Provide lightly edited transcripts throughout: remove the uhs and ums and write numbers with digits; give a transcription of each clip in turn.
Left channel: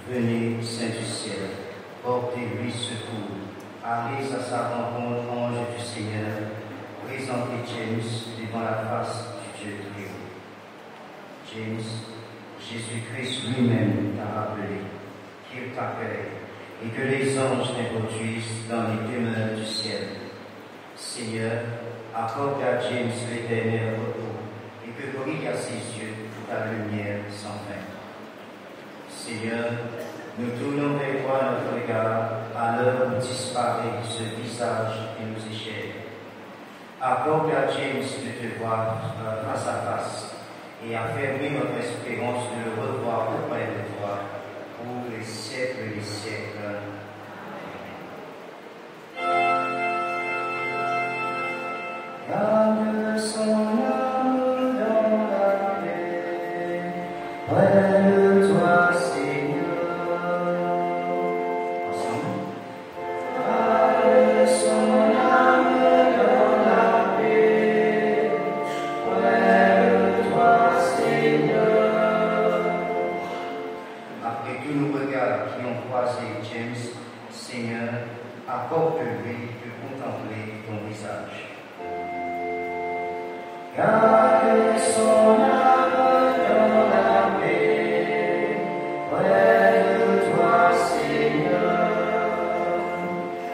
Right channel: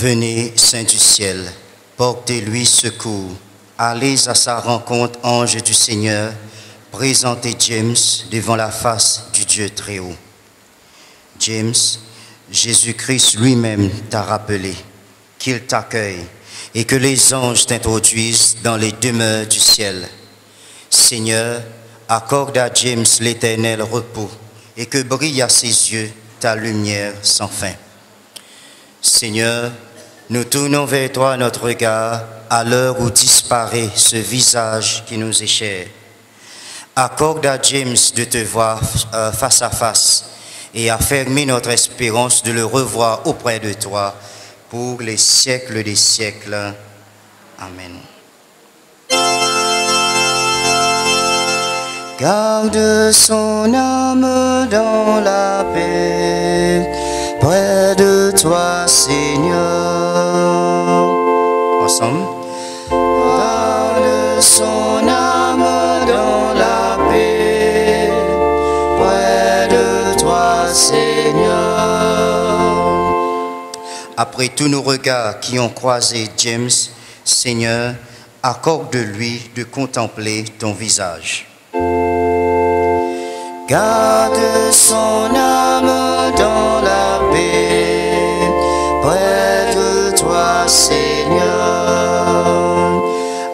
Venez, Saint du ciel, portez-lui secours. Allez à sa rencontre, ange du Seigneur. Présentez James devant la face du Dieu très haut. James, Jésus-Christ lui-même t'a rappelé qu'il t'accueille et que les anges t'introduisent dans les demeures du ciel. Seigneur, accorde à James l'éternel repos et que brille à ses yeux ta lumière sans fin. Seigneur, nous tournons vers toi notre regard à l'heure où disparaît ce visage qui nous est cher. Accorde à James de te voir face à face et affermis notre espérance de le revoir auprès de toi pour les siècles des siècles. Amen. Garde son âme dans la paix, près de toi, Seigneur. Ensemble. Garde son âme dans la paix, près de toi, Seigneur. Après tous nos regards qui ont croisé James, Seigneur, accorde-lui de contempler ton visage. Garde son âme dans la paix, près de toi, Seigneur.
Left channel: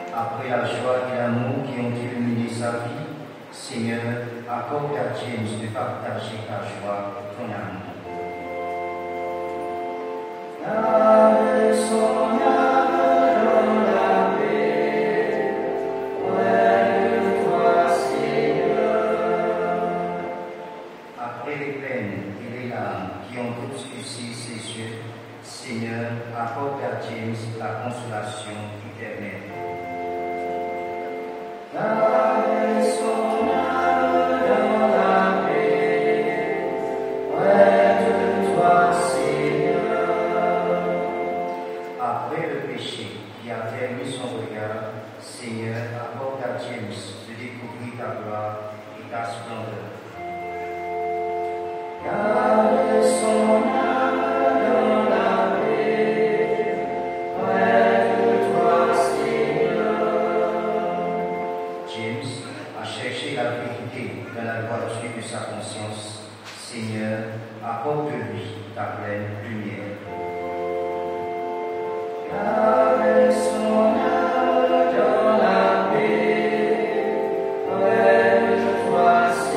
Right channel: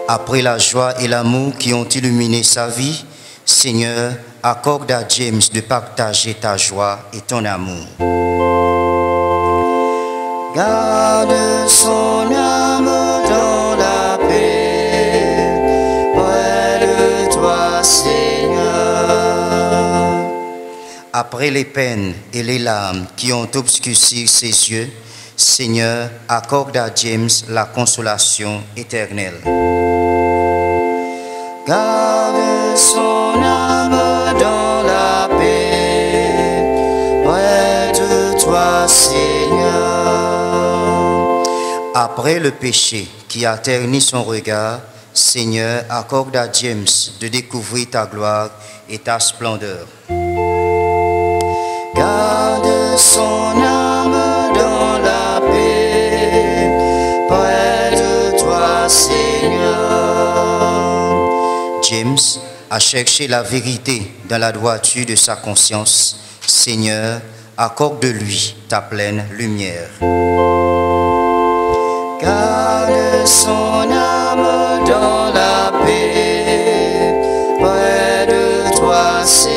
Après la joie et l'amour qui ont illuminé sa vie, Seigneur, accorde à James de partager ta joie et ton amour. Garde son âme dans la paix, près de toi, Seigneur. Après les peines et les larmes qui ont obscurci ses yeux, Seigneur, accorde à James la consolation éternelle. Garde son âme dans la paix, près de toi, Seigneur. Après le péché qui a terni son regard, Seigneur, accorde à James de découvrir ta gloire et ta splendeur. Garde son âme dans la paix, près de toi, Seigneur. James a cherché la vérité dans la droiture de sa conscience. Seigneur, accorde-lui ta pleine lumière. Garde son âme dans la paix, près de toi, Seigneur.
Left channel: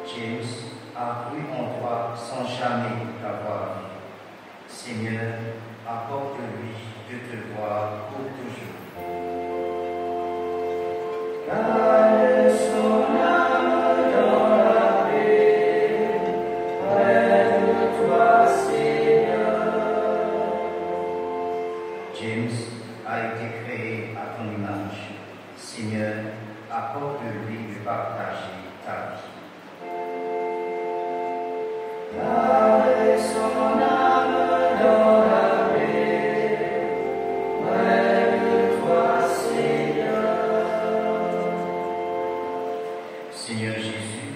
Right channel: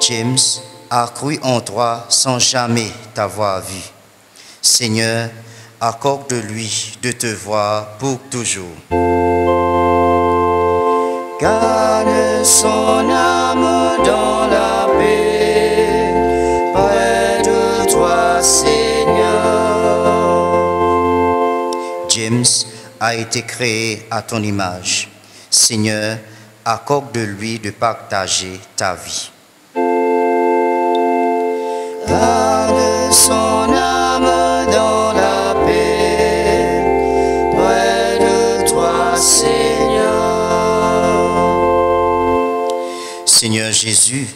James a cru en toi sans jamais t'avoir vu. Seigneur, accorde-lui de te voir pour toujours. Garde son âme dans la paix, près de toi, Seigneur. James a été créé à ton image. Seigneur, accorde-lui de partager ta vie. Garde son âme dans la paix, près de toi, Seigneur. Seigneur Jésus,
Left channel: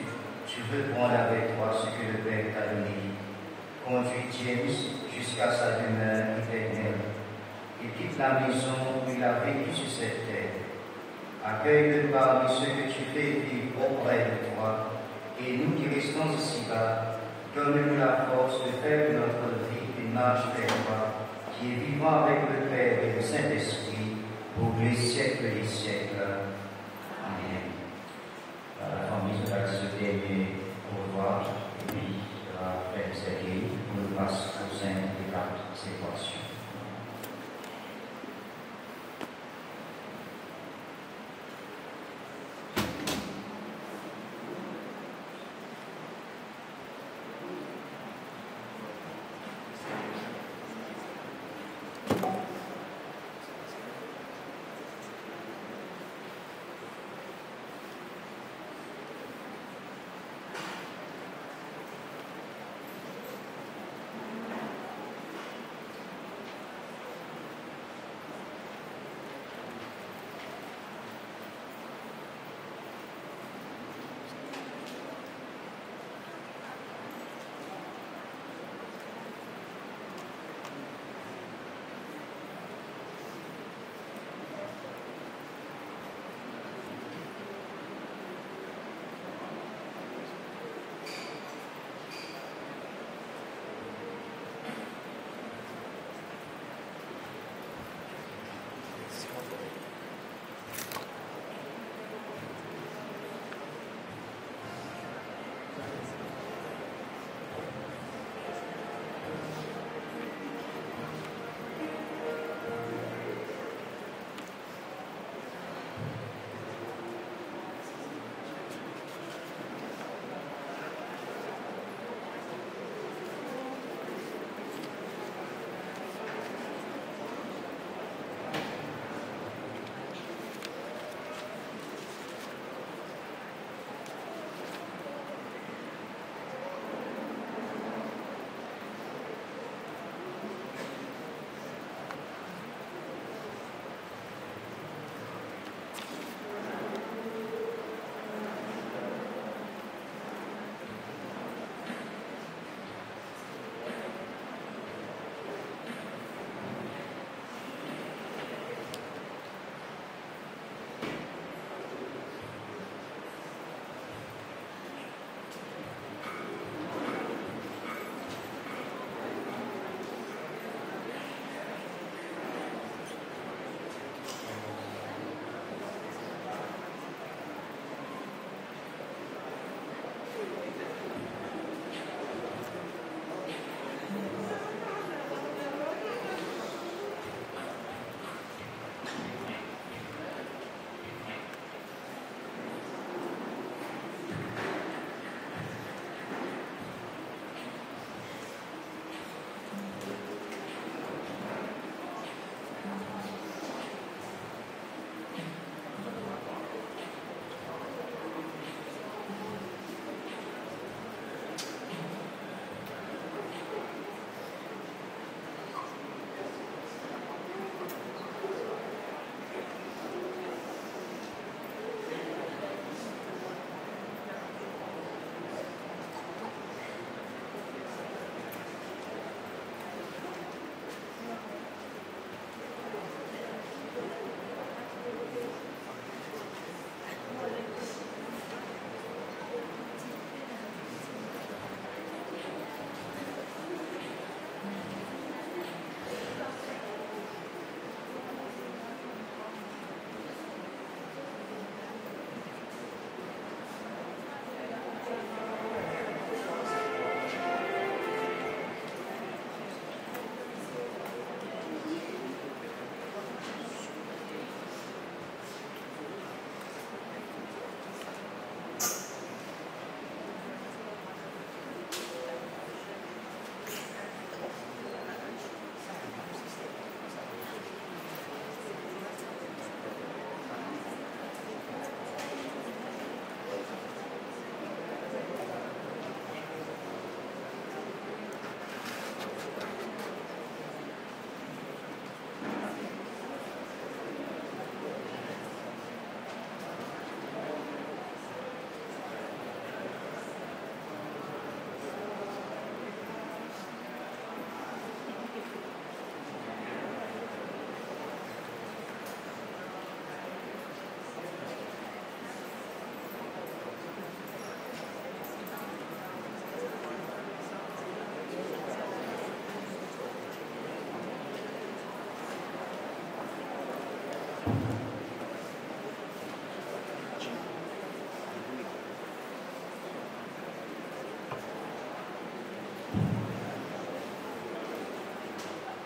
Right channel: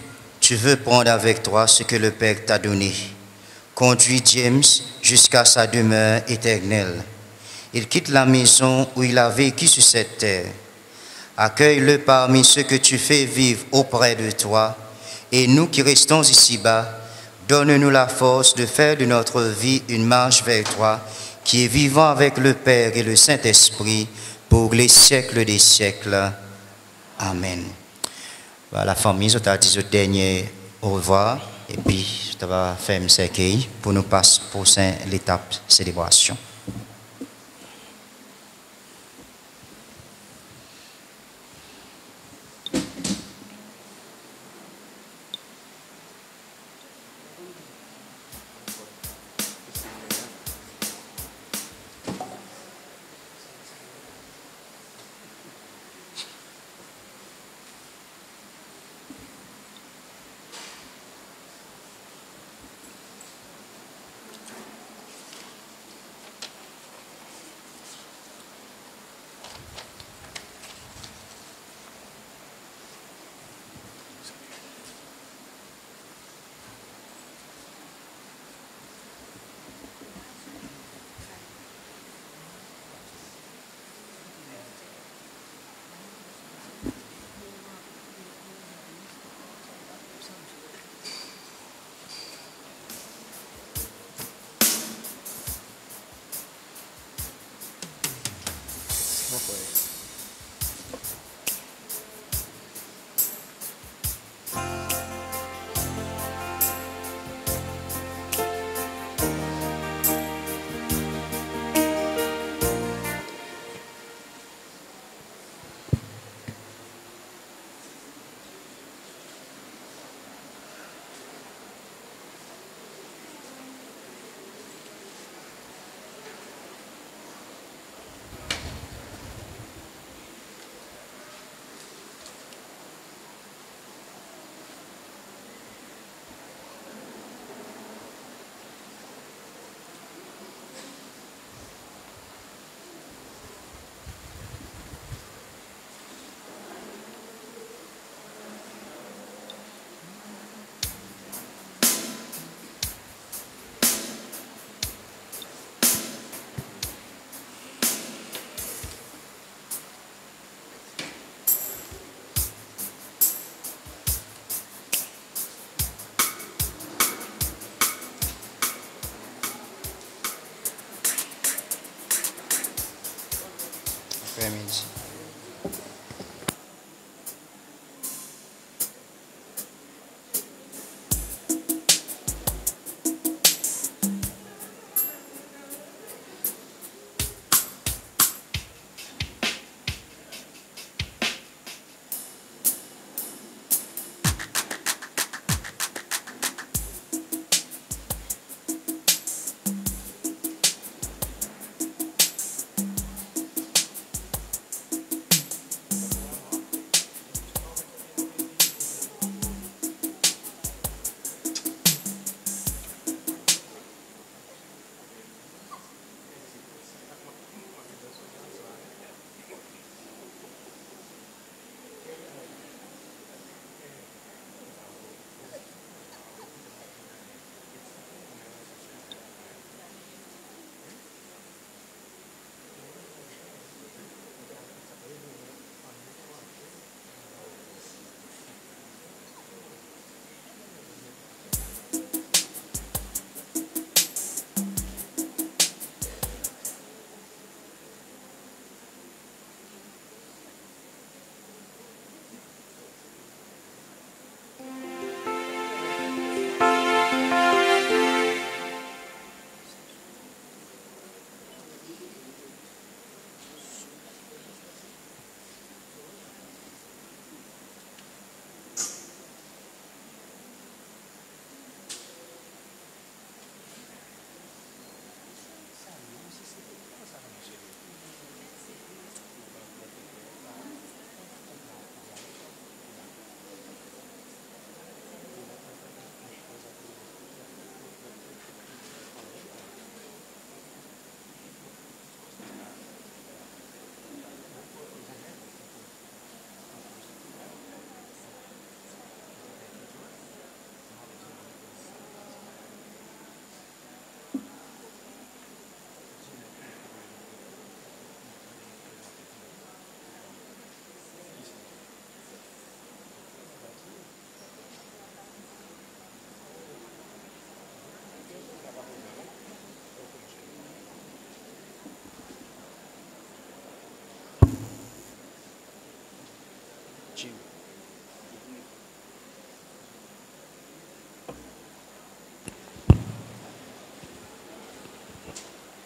tu veux prendre avec toi ce que le Père t'a donné. Conduis James jusqu'à sa demeure éternelle. Il quitte la maison où il a vécu sur cette terre. Accueille-le parmi ceux que tu fais vivre auprès de toi. Et nous qui restons ici-bas, donne-nous la force de faire de notre vie une marche vers toi, qui est vivant avec le Père et le Saint-Esprit pour les siècles des siècles. Amen. La famille, je t'ai dit le dernier au revoir, et puis je vais faire un cercueil pour nous passer pour l'étape célébration.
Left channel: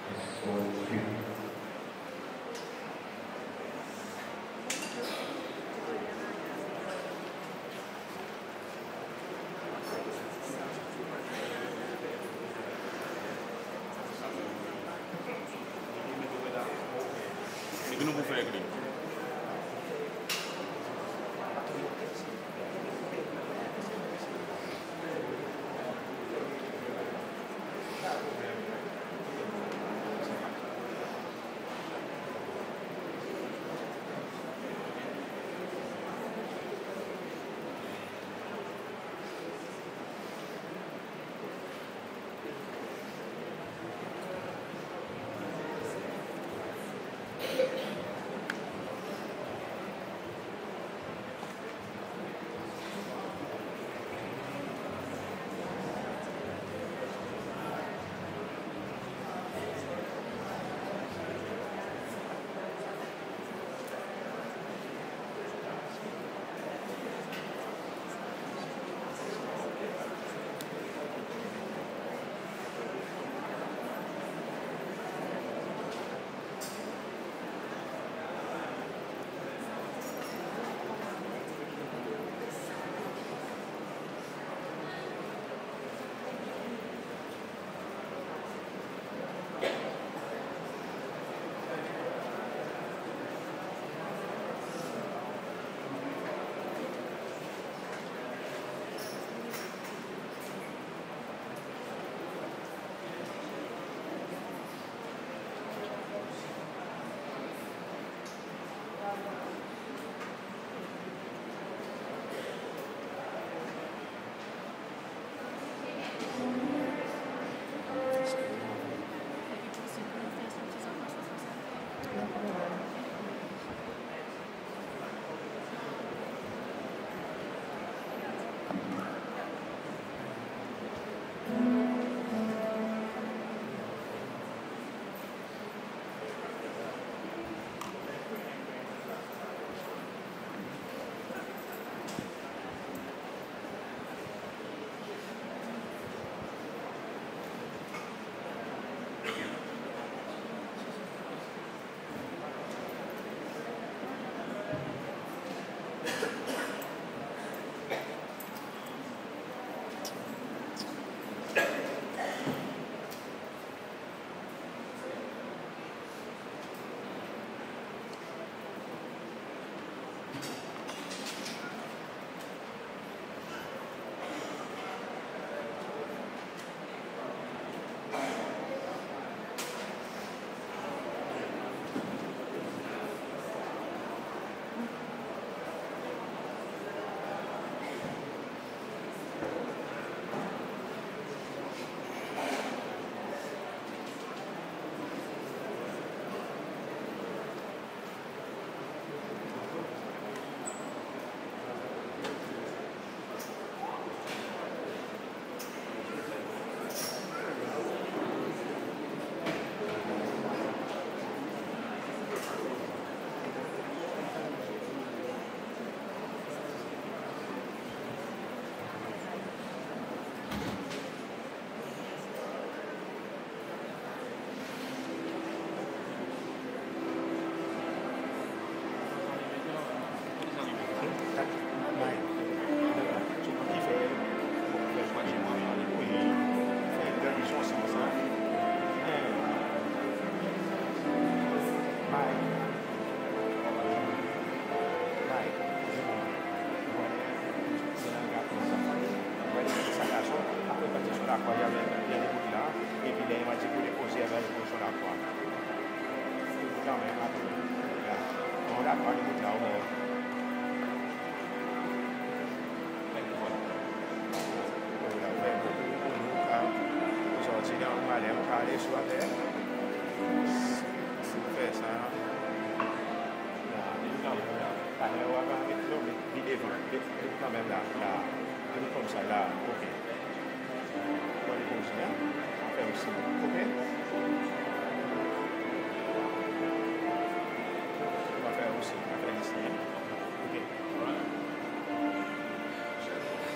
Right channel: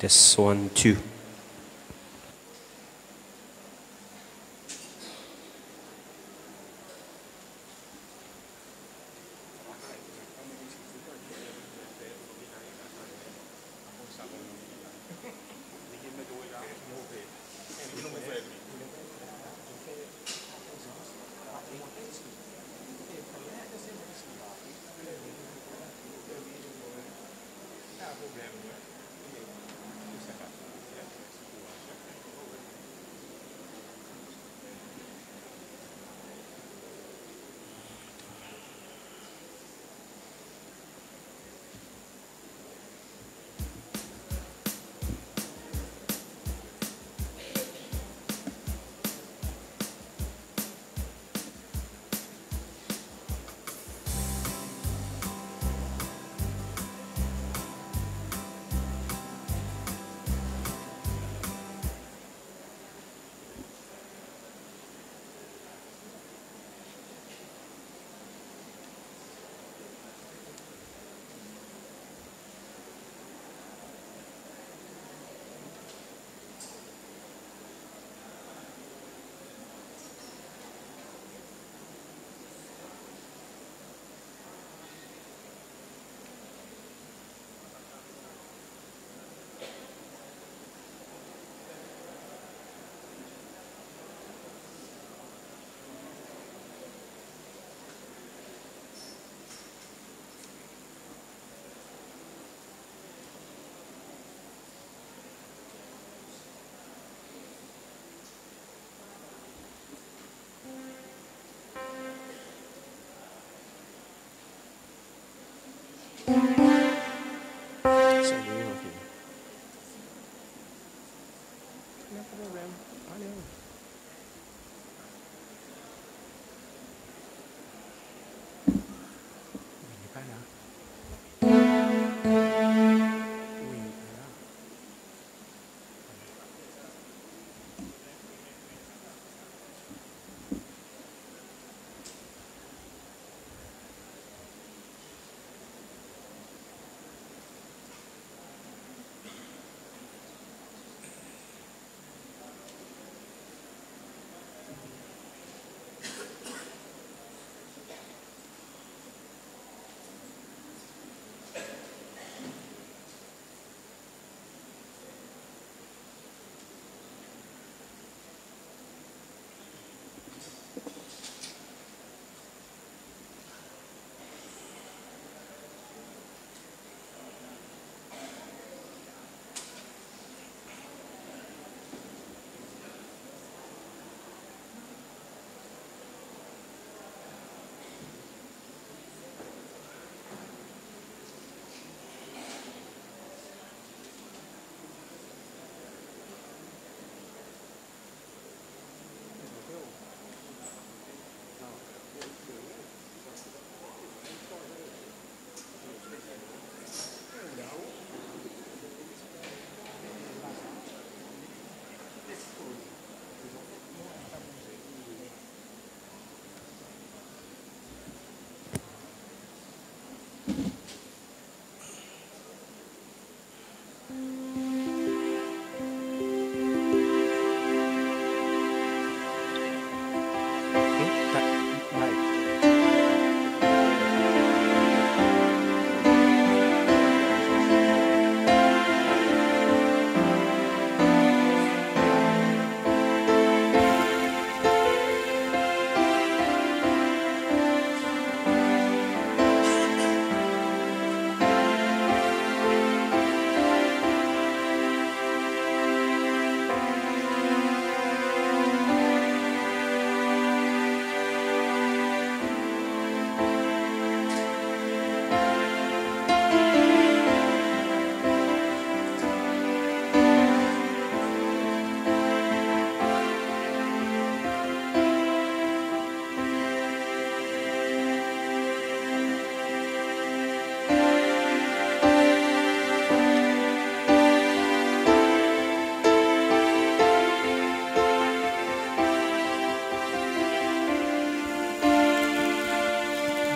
Test 1, 2.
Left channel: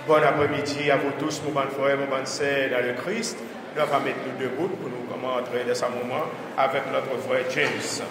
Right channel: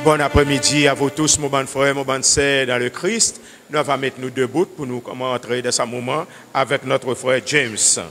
Bon après-midi à vous tous, mon bon frère, mon bon sœur dans le Christ. nous allons mettre nous debout pour nous entrer dans ce moment avec notre frère James.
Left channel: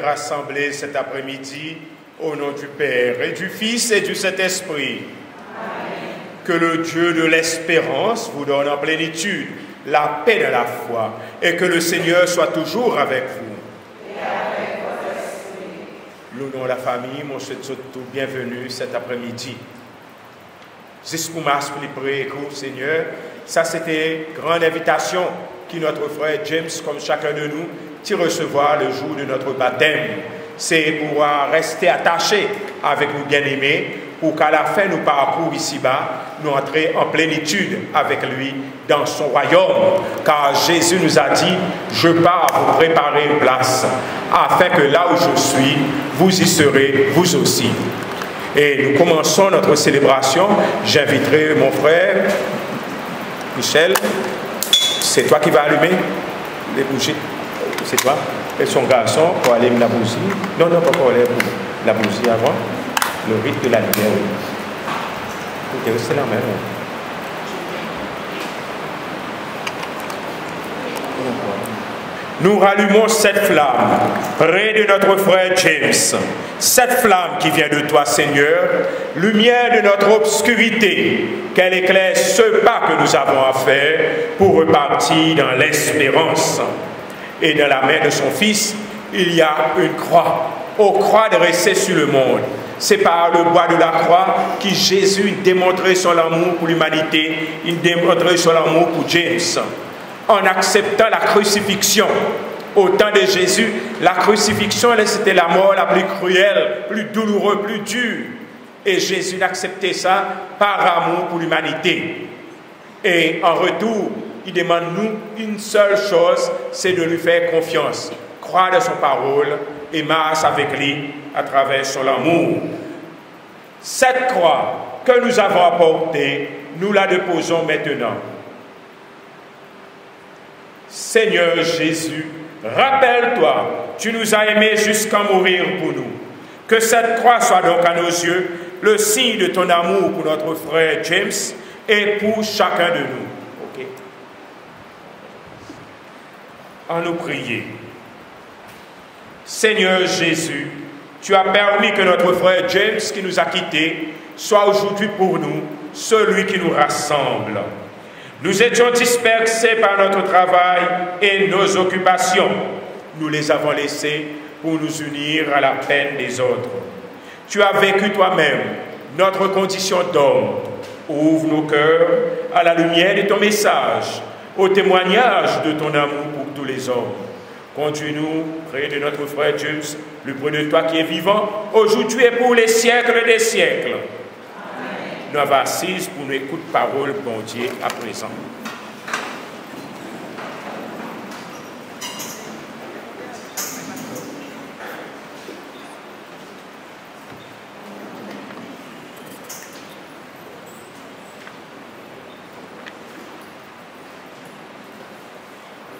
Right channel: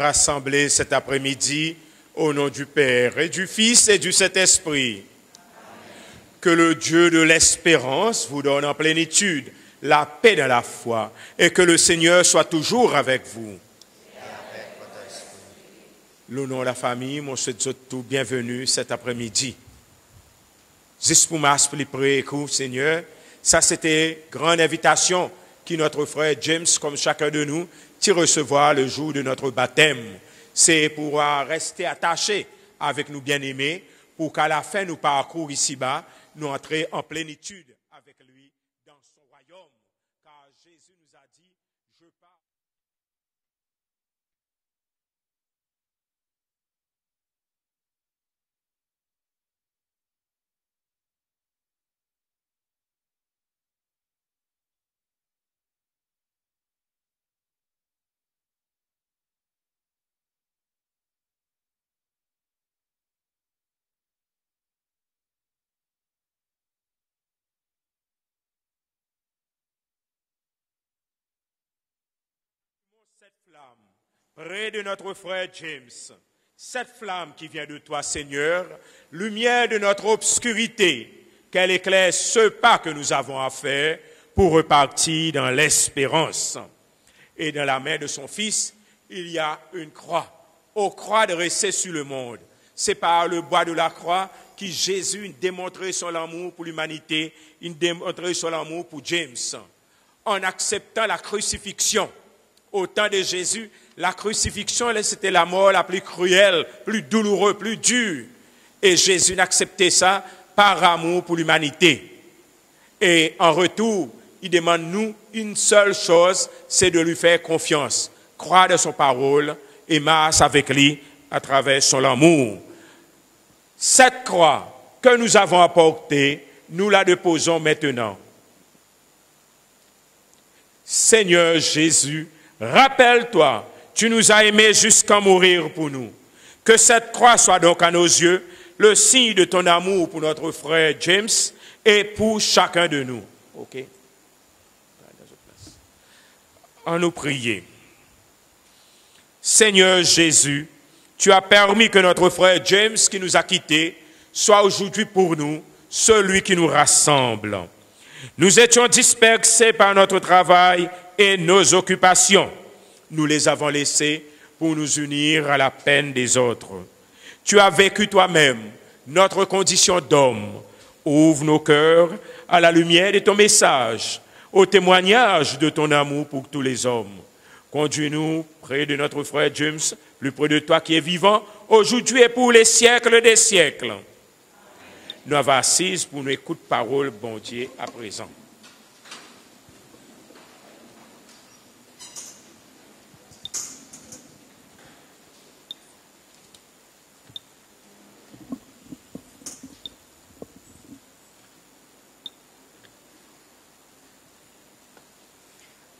Rassemblés cet après-midi au nom du Père et du Fils et du Saint-Esprit. Que le Dieu de l'espérance vous donne en plénitude la paix de la foi et que le Seigneur soit toujours avec vous. Et avec votre esprit. Nous, dans la famille, nous sommes tous bienvenus cet après-midi. Juste pour m'expliquer, Seigneur, ça c'était une grande invitation qui notre frère James, comme chacun de nous, recevoir le jour de notre baptême. C'est pouvoir rester attaché avec nos bien-aimés pour qu'à la fin de nos parcours ici-bas, nous entrions en plénitude avec lui dans son royaume. Car Jésus nous a dit, je pars vous préparer une place, afin que là où je suis, vous y serez vous aussi. Et nous commençons notre célébration. J'inviterai mon frère, Michel. C'est toi qui vas allumer les bougies. C'est toi et son garçon pour aller la bougie. Non, pas pour aller la bougie avant. Le rite de la lumière. C'est la même. Nous rallumons cette flamme près de notre frère James. Cette flamme qui vient de toi, Seigneur, lumière de notre obscurité, qu'elle éclaire ce pas que nous avons à faire pour repartir dans l'espérance. Et dans la main de son Fils, il y a une croix. Aux croix dressées sur le monde. C'est par le bois de la croix que Jésus démontrait son amour pour l'humanité, il démontrait son amour pour James. En acceptant la crucifixion, au temps de Jésus, la crucifixion, c'était la mort la plus cruelle, plus douloureuse, plus dure. Et Jésus acceptait ça par amour pour l'humanité. Et en retour, il demande nous une seule chose, c'est de lui faire confiance. Croire de son parole et marche avec lui à travers son amour. Cette croix que nous avons apportée, nous la déposons maintenant. Seigneur Jésus, rappelle-toi, tu nous as aimés jusqu'à mourir pour nous. Que cette croix soit donc à nos yeux le signe de ton amour pour notre frère James et pour chacun de nous. Okay. À nous prier. Seigneur Jésus, tu as permis que notre frère James, qui nous a quittés, soit aujourd'hui pour nous celui qui nous rassemble. Nous étions dispersés par notre travail et nos occupations. Nous les avons laissés pour nous unir à la peine des autres. Tu as vécu toi-même notre condition d'homme. Ouvre nos cœurs à la lumière de ton message, au témoignage de ton amour pour tous les hommes. Conduis-nous près de notre frère James, le près de toi qui est vivant, aujourd'hui et pour les siècles des siècles. Amen. Nous avons assise pour une écoute parole, bon Dieu, à présent.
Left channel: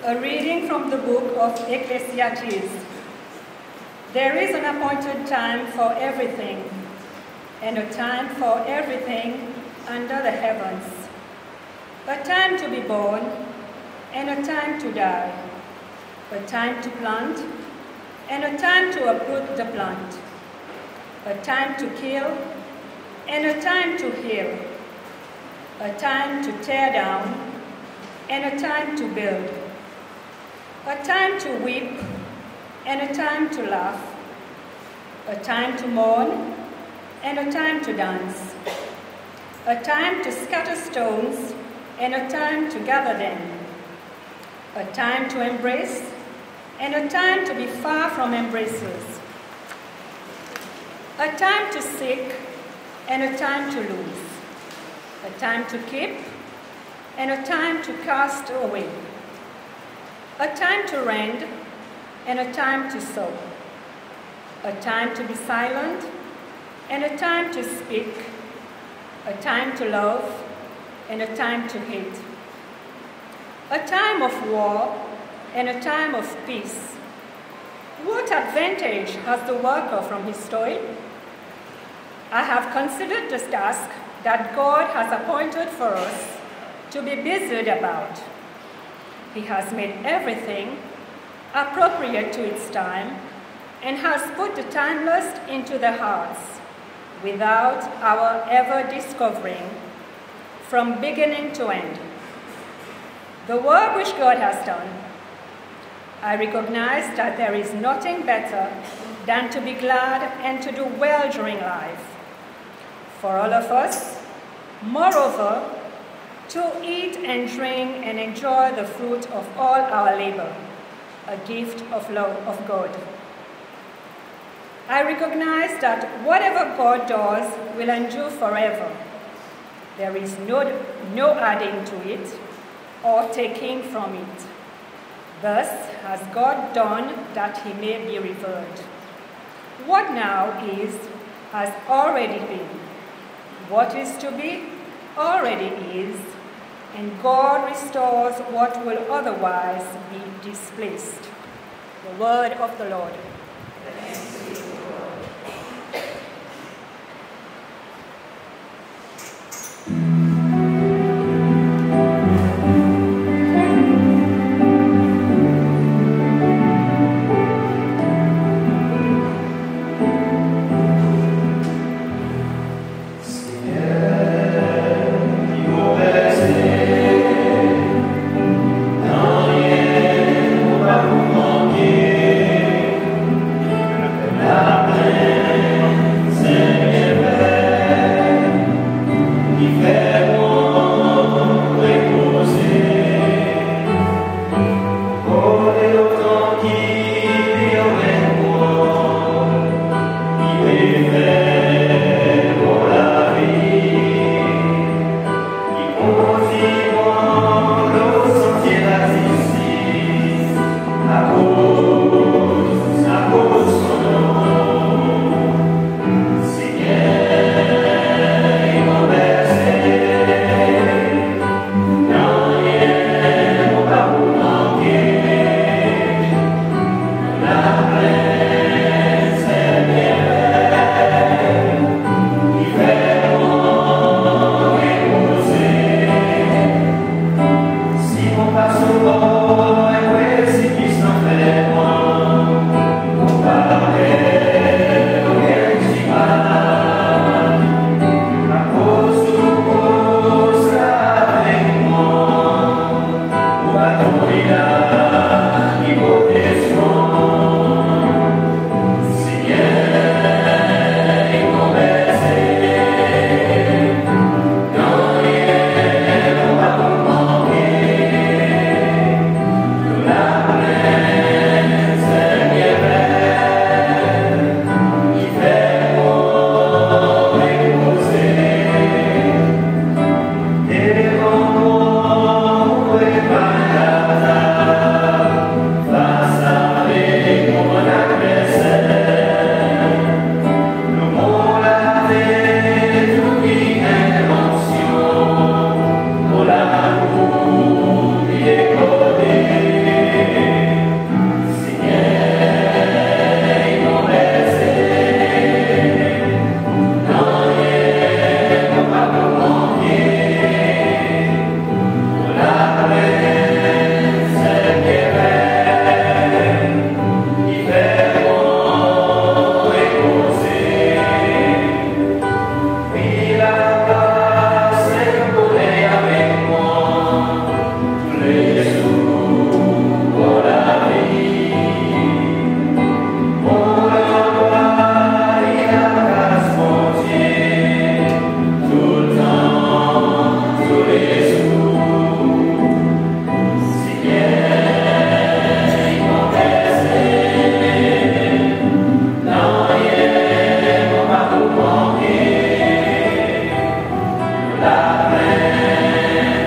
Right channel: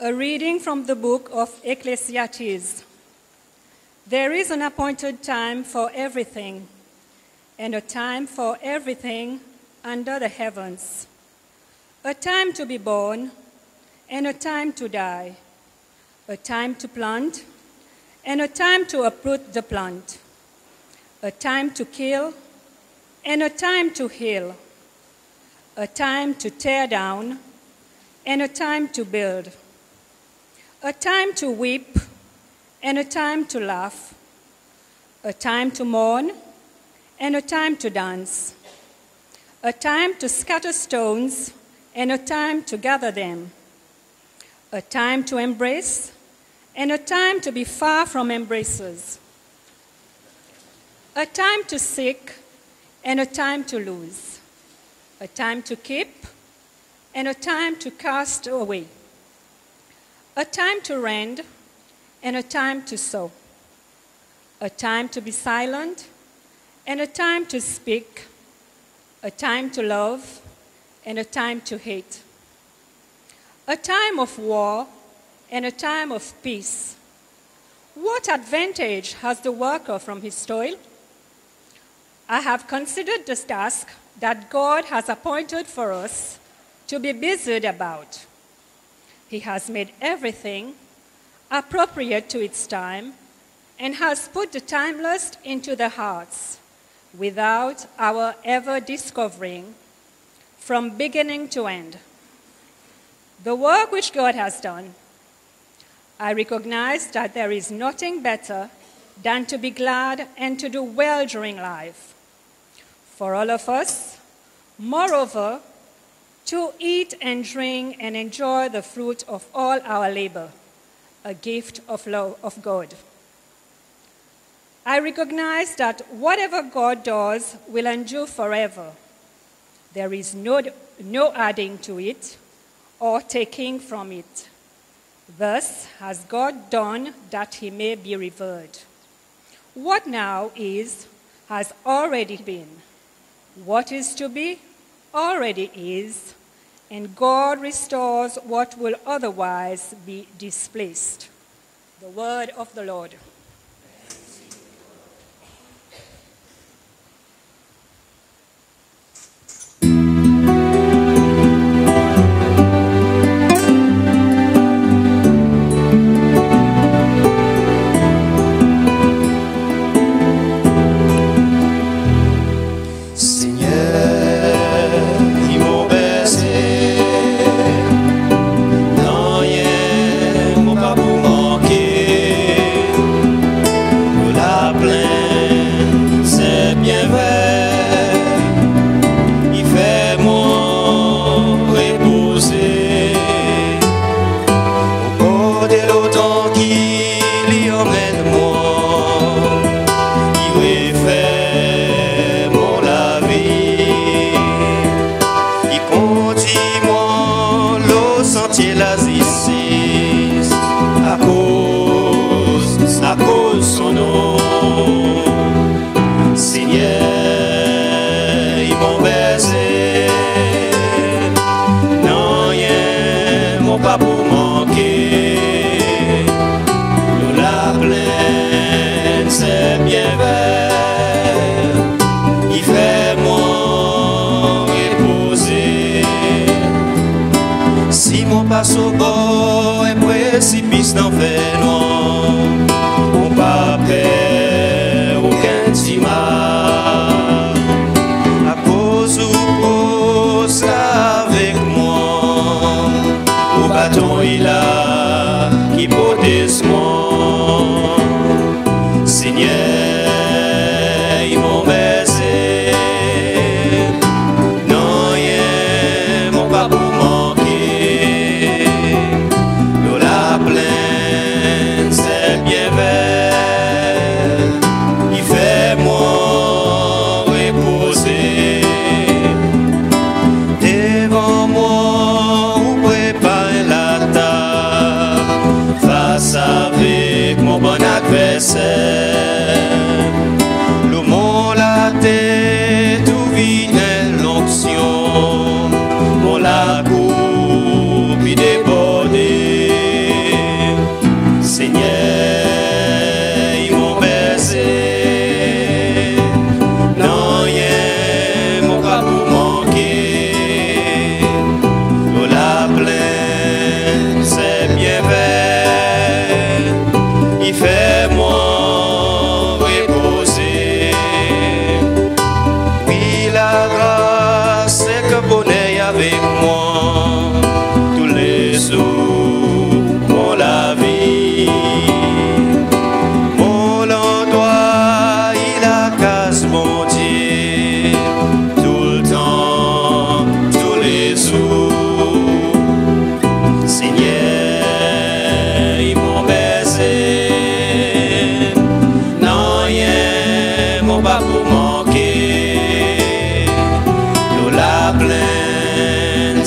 A reading from the book of Ecclesiastes. There is an appointed time for everything, and a time for everything under the heavens. A time to be born, and a time to die. A time to plant, and a time to uproot the plant. A time to kill, and a time to heal. A time to tear down, and a time to build. A time to weep, and a time to laugh. A time to mourn, and a time to dance. A time to scatter stones, and a time to gather them. A time to embrace, and a time to be far from embracers. A time to seek, and a time to lose. A time to keep, and a time to cast away. A time to rend, and a time to sow. A time to be silent, and a time to speak. A time to love, and a time to hate. A time of war, and a time of peace. What advantage has the worker from his toil? I have considered this task that God has appointed for us to be busied about. He has made everything appropriate to its time and has put the timeless into their hearts without our ever discovering from beginning to end. The work which God has done, I recognize that there is nothing better than to be glad and to do well during life. For all of us, moreover, to eat and drink and enjoy the fruit of all our labor, a gift of love of God. I recognize that whatever God does will endure forever. There is no adding to it or taking from it. Thus has God done that he may be revered. What now is, has already been. What is to be, already is, and God restores what will otherwise be displaced. The word of the Lord. Thanks be to God. Hola.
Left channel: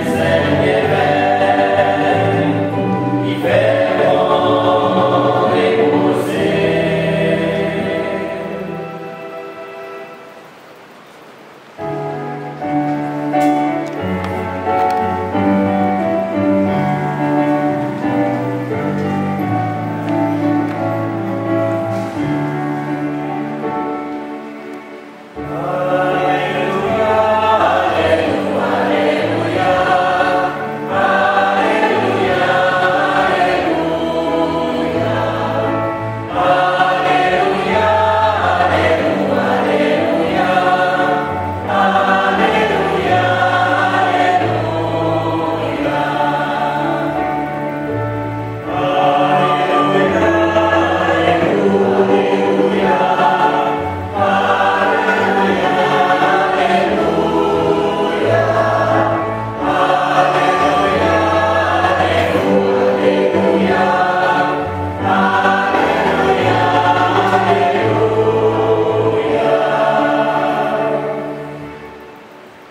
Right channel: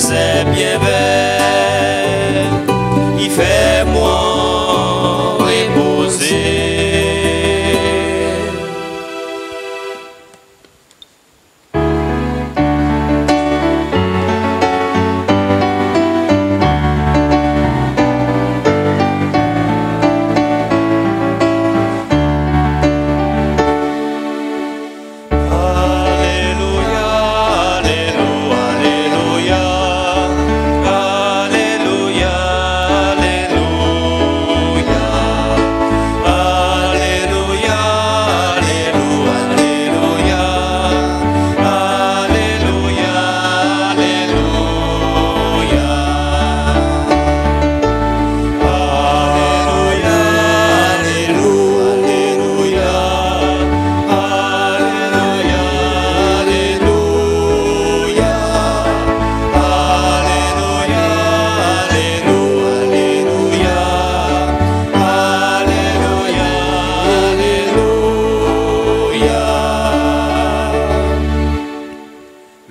c'est bien belle, il fait moi reposer.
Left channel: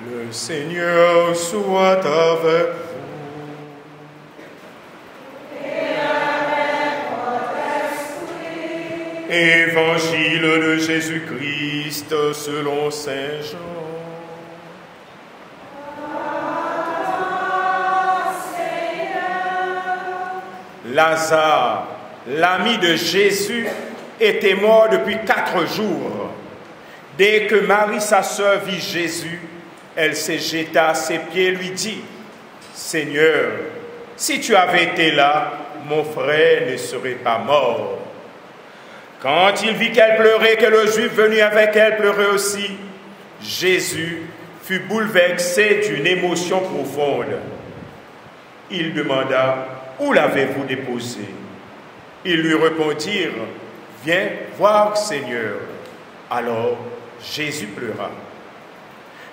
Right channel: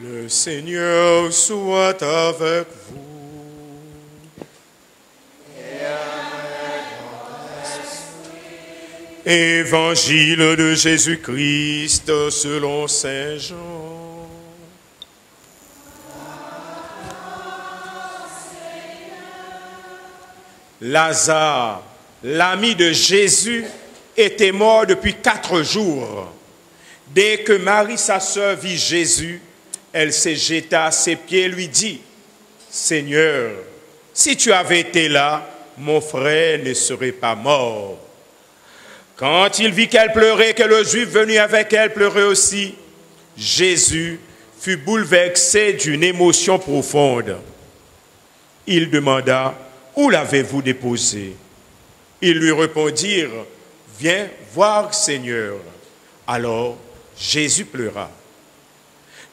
Le Seigneur soit avec vous. Évangile de Jésus-Christ selon Saint Jean. Lazare, l'ami de Jésus, était mort depuis 4 jours. Dès que Marie, sa sœur, vit Jésus, elle s'est jetée à ses pieds et lui dit, « Seigneur, si tu avais été là, mon frère ne serait pas mort. » Quand il vit qu'elle pleurait, que le Juif venu avec elle pleurait aussi, Jésus fut bouleversé d'une émotion profonde. Il demanda, « Où l'avez-vous déposé ?» Ils lui répondirent, « Viens voir, Seigneur. » Alors Jésus pleura.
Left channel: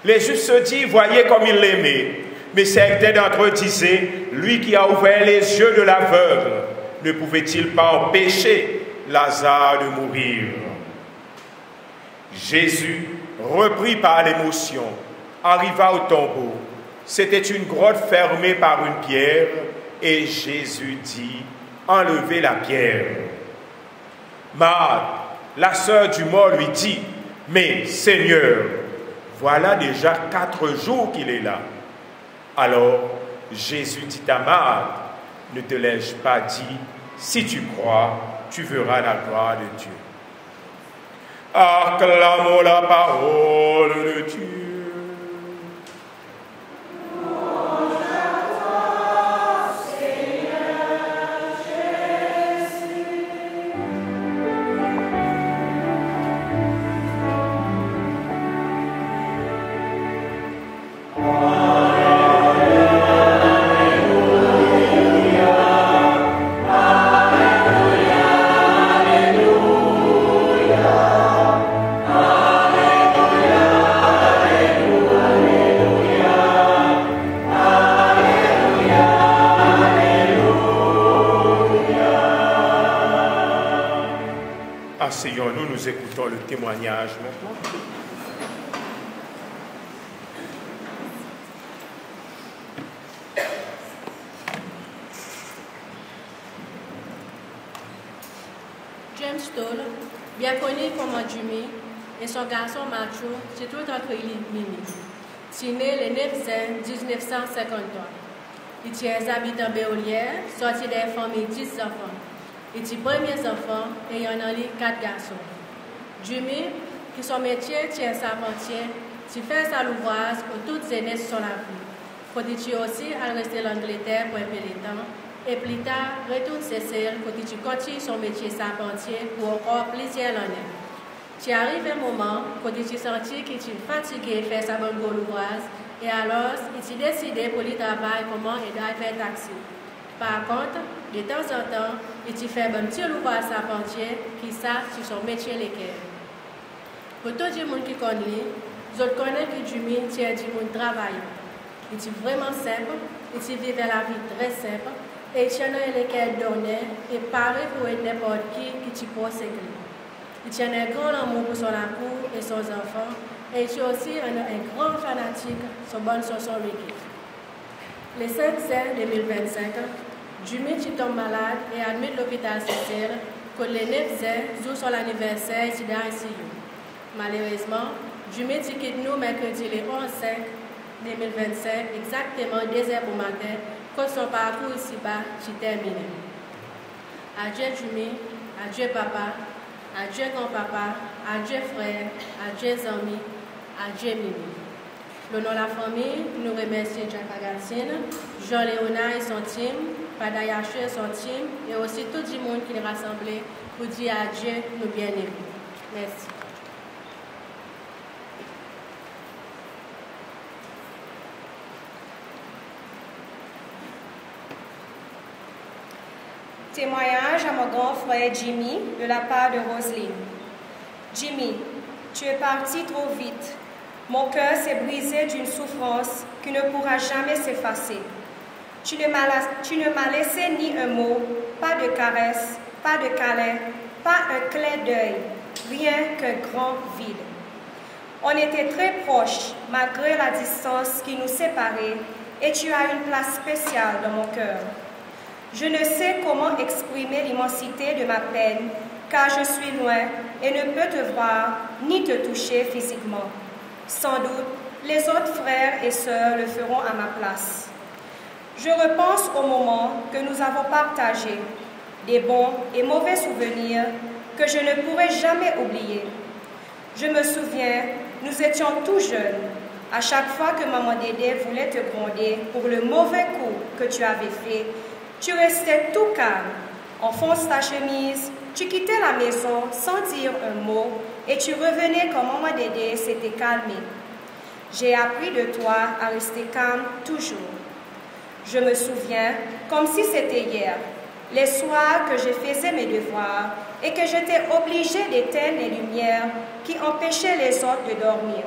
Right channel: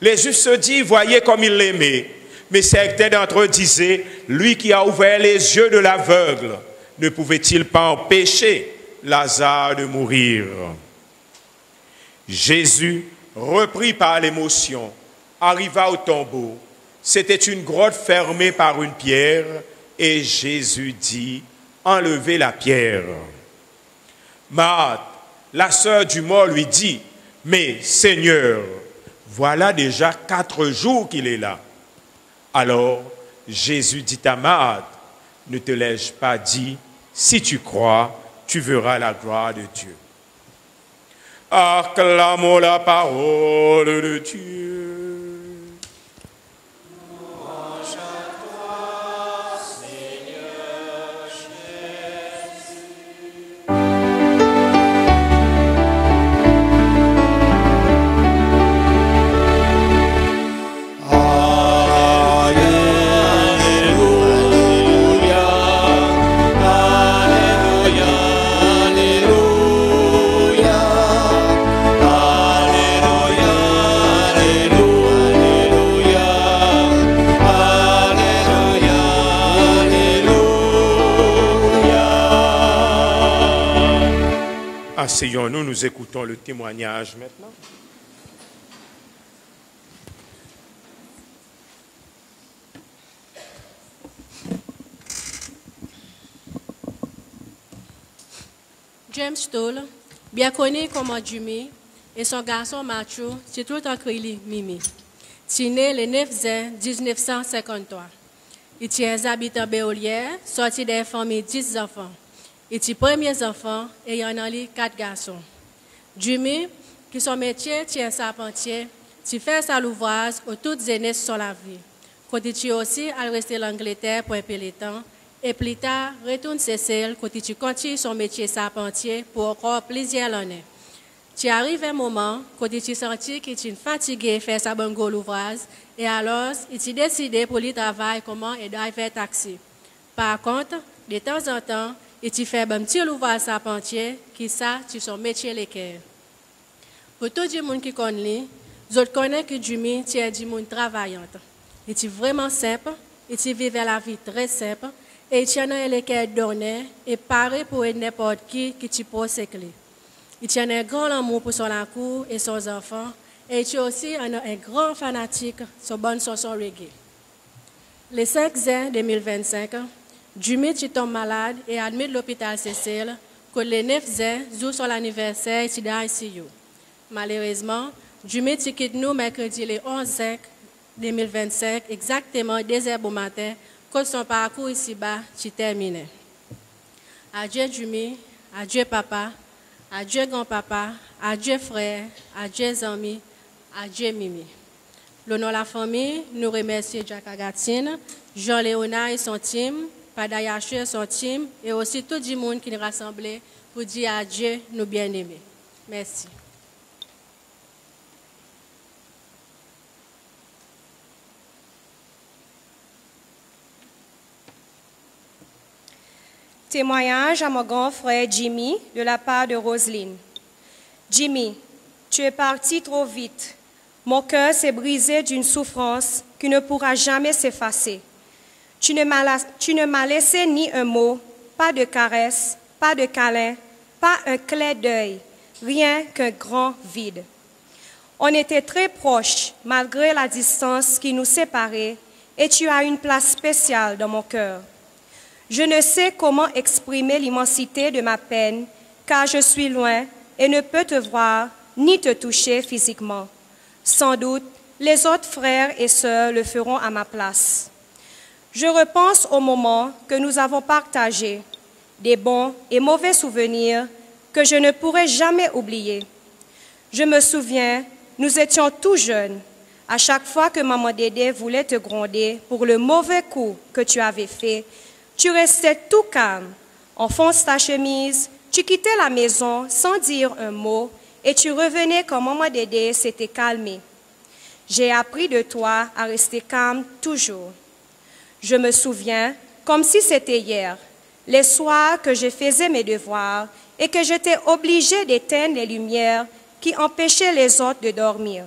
Les Juifs se dirent, « Voyez comme il l'aimait. » Mais certains d'entre eux disaient, « Lui qui a ouvert les yeux de l'aveugle, ne pouvait-il pas empêcher Lazare de mourir ?» Jésus, repris par l'émotion, arriva au tombeau. C'était une grotte fermée par une pierre, et Jésus dit, « Enlevez la pierre. » Marthe, la sœur du mort, lui dit, « Mais Seigneur, voilà déjà 4 jours qu'il est là. » Alors Jésus dit à Marthe, « Ne te l'ai-je pas dit, si tu crois, tu verras la gloire de Dieu. » Acclamons la parole de Dieu. Asseyons-nous, nous écoutons le témoignage. James Stoll, bien connu comme Jimmy, et son garçon Matthew, c'est tout en crédit Mimi. Il est né le 9 juin 1953. Il est habitant Béolière, sorti des familles 10 enfants. Il est premier enfant et il en a 4 garçons. Jimmy, qui son métier tient charpentier, il fait sa louvrage pour toutes les années sur la vie. Quand il aussi à rester en Angleterre pour un peu de temps, et plus tard, retourne Cécile quand il continue son métier charpentier pour encore plusieurs années. Tu arrive un moment quand il senti qu'il est fatigué de faire sa bonne l'ouvrage et alors il a décidé pour lui travailler comment il doit faire taxi. Par contre, de temps en temps, il fait un petit ouvrage charpentier qui ça sur son métier l'équerre. Pour tout le monde qui connaît, je connais que Jimmy tient du monde travaillant. Il est vraiment simple, il vit la vie très simple et il tient l'équerre donné et pareil pour n'importe qui peut s'écrire. Il tient un grand amour pour son cour et son enfant et il est aussi un grand fanatique de bonne chanson reggae. Le 5 juin 2025, Jimmy tombe malade et admis à l'hôpital Cécile que le 9 juin, jour son anniversaire, il est ici. Malheureusement, Jimmy quitte nous mercredi le 11 juin 2025, exactement 2 heures au matin, quand son parcours ici-bas est terminé. Adieu Jimmy, adieu papa, adieu grand-papa, adieu frère, adieu amis, adieu Mimi. Le nom de la famille, nous remercions Jack Agatine, Jean-Léonard et son team, Padayache et son team, et aussi tout le monde qui est rassemblé pour dire adieu, nous bien-aimés. Merci. Témoignage à mon grand frère Jimmy de la part de Roselyne. Jimmy, tu es parti trop vite. Mon cœur s'est brisé d'une souffrance qui ne pourra jamais s'effacer. Tu ne m'as laissé ni un mot, pas de caresse, pas de câlin, pas un clin d'œil, rien qu'un grand vide. On était très proches malgré la distance qui nous séparait et tu as une place spéciale dans mon cœur. Je ne sais comment exprimer l'immensité de ma peine car je suis loin et ne peux te voir ni te toucher physiquement. Sans doute, les autres frères et sœurs le feront à ma place. Je repense au moment que nous avons partagé, des bons et mauvais souvenirs que je ne pourrai jamais oublier. Je me souviens, nous étions tout jeunes. À chaque fois que maman Dédé voulait te gronder pour le mauvais coup que tu avais fait, tu restais tout calme, enfonce ta chemise, tu quittais la maison sans dire un mot et tu revenais quand maman Dédé s'était calmée. J'ai appris de toi à rester calme toujours. Je me souviens, comme si c'était hier, les soirs que je faisais mes devoirs et que j'étais obligée d'éteindre les lumières qui empêchaient les autres de dormir.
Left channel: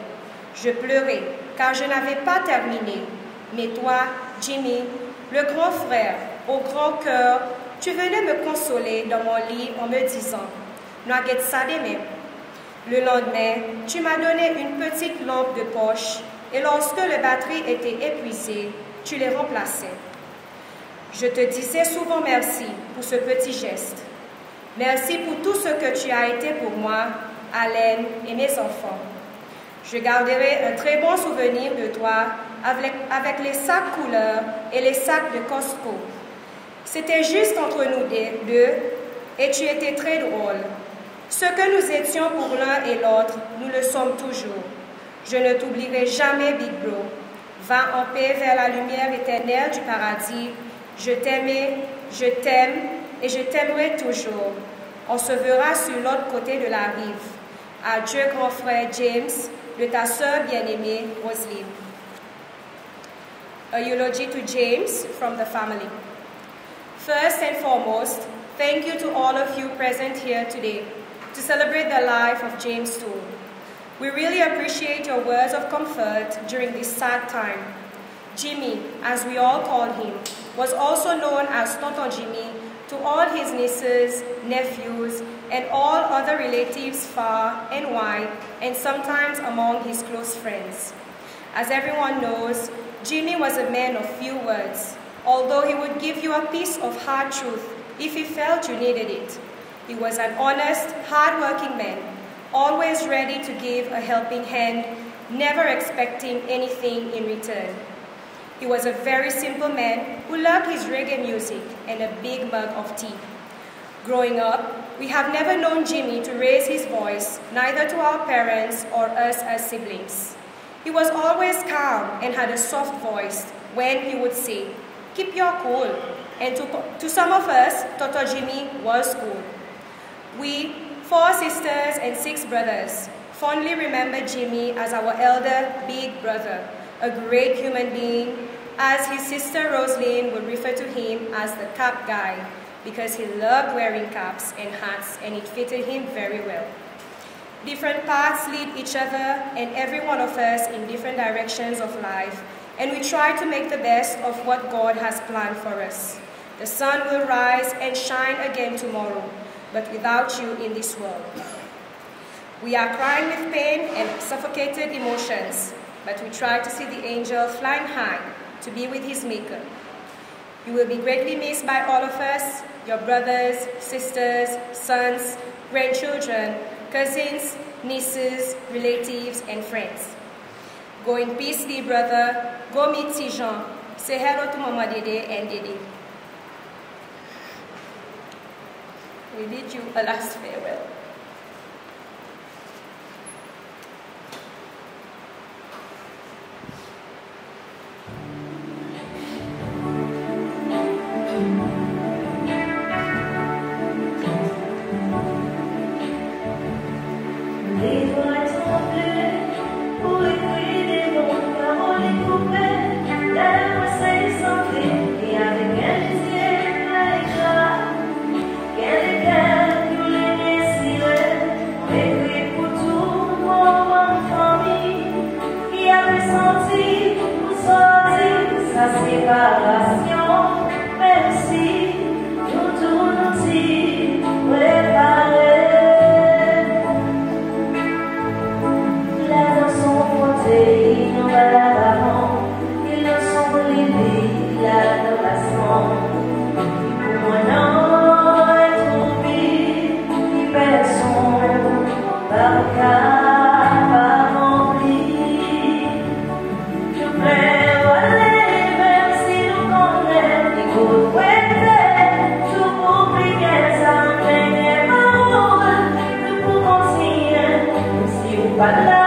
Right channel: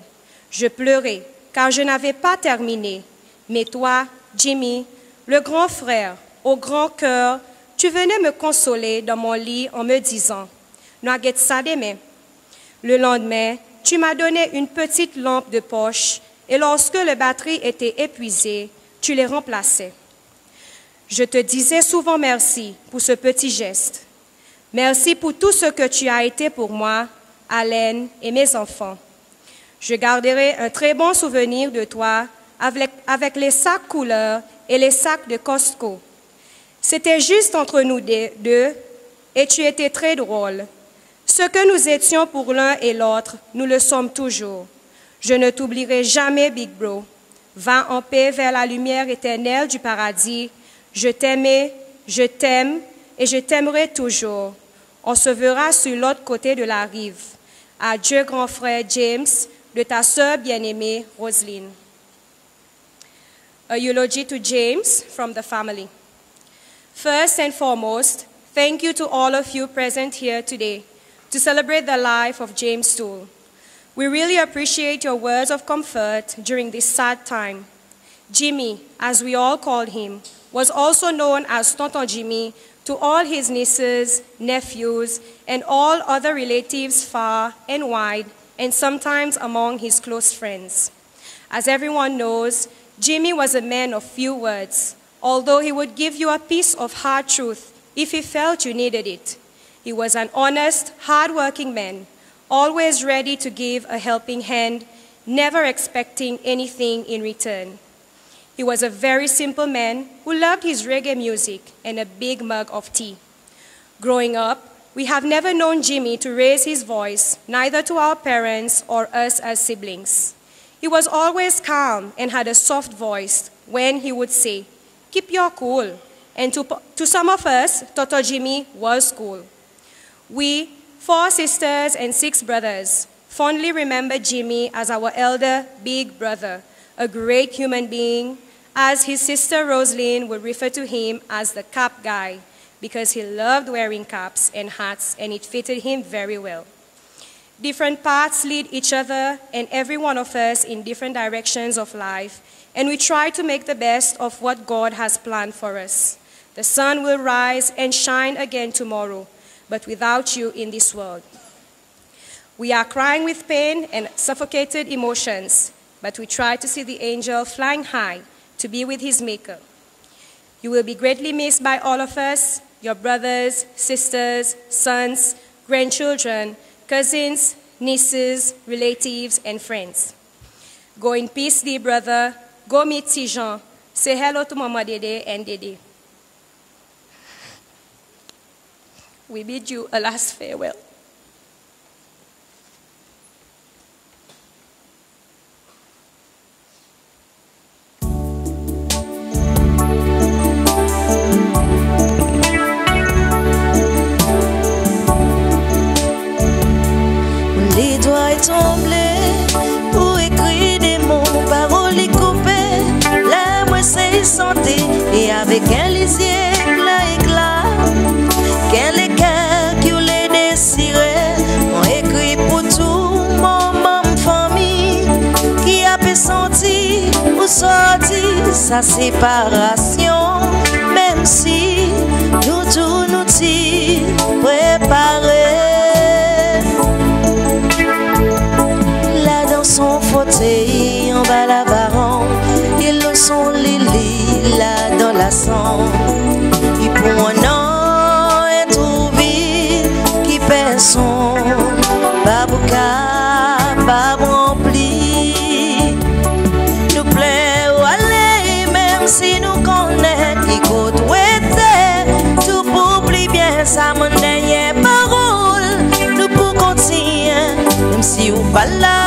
Je pleurais car je n'avais pas terminé. Mais toi, Jimmy, le grand frère, au grand cœur, tu venais me consoler dans mon lit en me disant « N'aguette ça demain ». Le lendemain, tu m'as donné une petite lampe de poche et lorsque la batterie était épuisée, tu les remplaçais. Je te disais souvent merci pour ce petit geste. Merci pour tout ce que tu as été pour moi, Alain et mes enfants. Je garderai un très bon souvenir de toi avec les sacs couleurs et les sacs de Costco. C'était juste entre nous deux et tu étais très drôle. Ce que nous étions pour l'un et l'autre, nous le sommes toujours. Je ne t'oublierai jamais, Big Bro. Va en paix vers la lumière éternelle du paradis. Je t'aimais, je t'aime et je t'aimerai toujours. On se verra sur l'autre côté de la rive. Adieu, grand frère James, de ta sœur bien-aimée, Roselyne. A eulogy to James from the family. First and foremost, thank you to all of you present here today to celebrate the life of James Toole. We really appreciate your words of comfort during this sad time. Jimmy, as we all called him, was also known as Tonton Jimmy to all his nieces, nephews, and all other relatives far and wide, and sometimes among his close friends. As everyone knows, Jimmy was a man of few words, although he would give you a piece of hard truth if he felt you needed it. He was an honest, hard-working man, always ready to give a helping hand, never expecting anything in return. He was a very simple man who loved his reggae music and a big mug of tea. Growing up, we have never known Jimmy to raise his voice, neither to our parents or us as siblings. He was always calm and had a soft voice when he would say, "Keep your cool." And to some of us, Toto Jimmy was cool. We, 4 sisters and 6 brothers, fondly remember Jimmy as our elder big brother, a great human being, as his sister Roselyne would refer to him as the cap guy, because he loved wearing caps and hats and it fitted him very well. Different paths lead each other and every one of us in different directions of life, and we try to make the best of what God has planned for us. The sun will rise and shine again tomorrow, but without you in this world. We are crying with pain and suffocated emotions, but we try to see the angel flying high, to be with his Maker. You will be greatly missed by all of us, your brothers, sisters, sons, grandchildren, cousins, nieces, relatives, and friends. Go in peace, dear brother. Go meet Tijan. Say hello to Mama Dede and Dede. We bid you a last farewell. Les doigts tombés pour écrire des mots, paroles et coupées, la moi c'est santé et avec un lisier éclat, qu'elle est qui ou les désirés, on écrit pour tout mon famille qui a pu sentir ou sortir sa séparation, même si nous tout nous t'y préparés. Son fauteuil en bas la baron, ils le sont les lilas dans la sang. Et pour un an, un trou vide qui perd son babouka, pas rempli. Nous plaît, aller, même si nous connaissons, écoute, ouais, tout pour oublier bien ça, mon dernier parole. Nous pour continuer, même si ou pas là.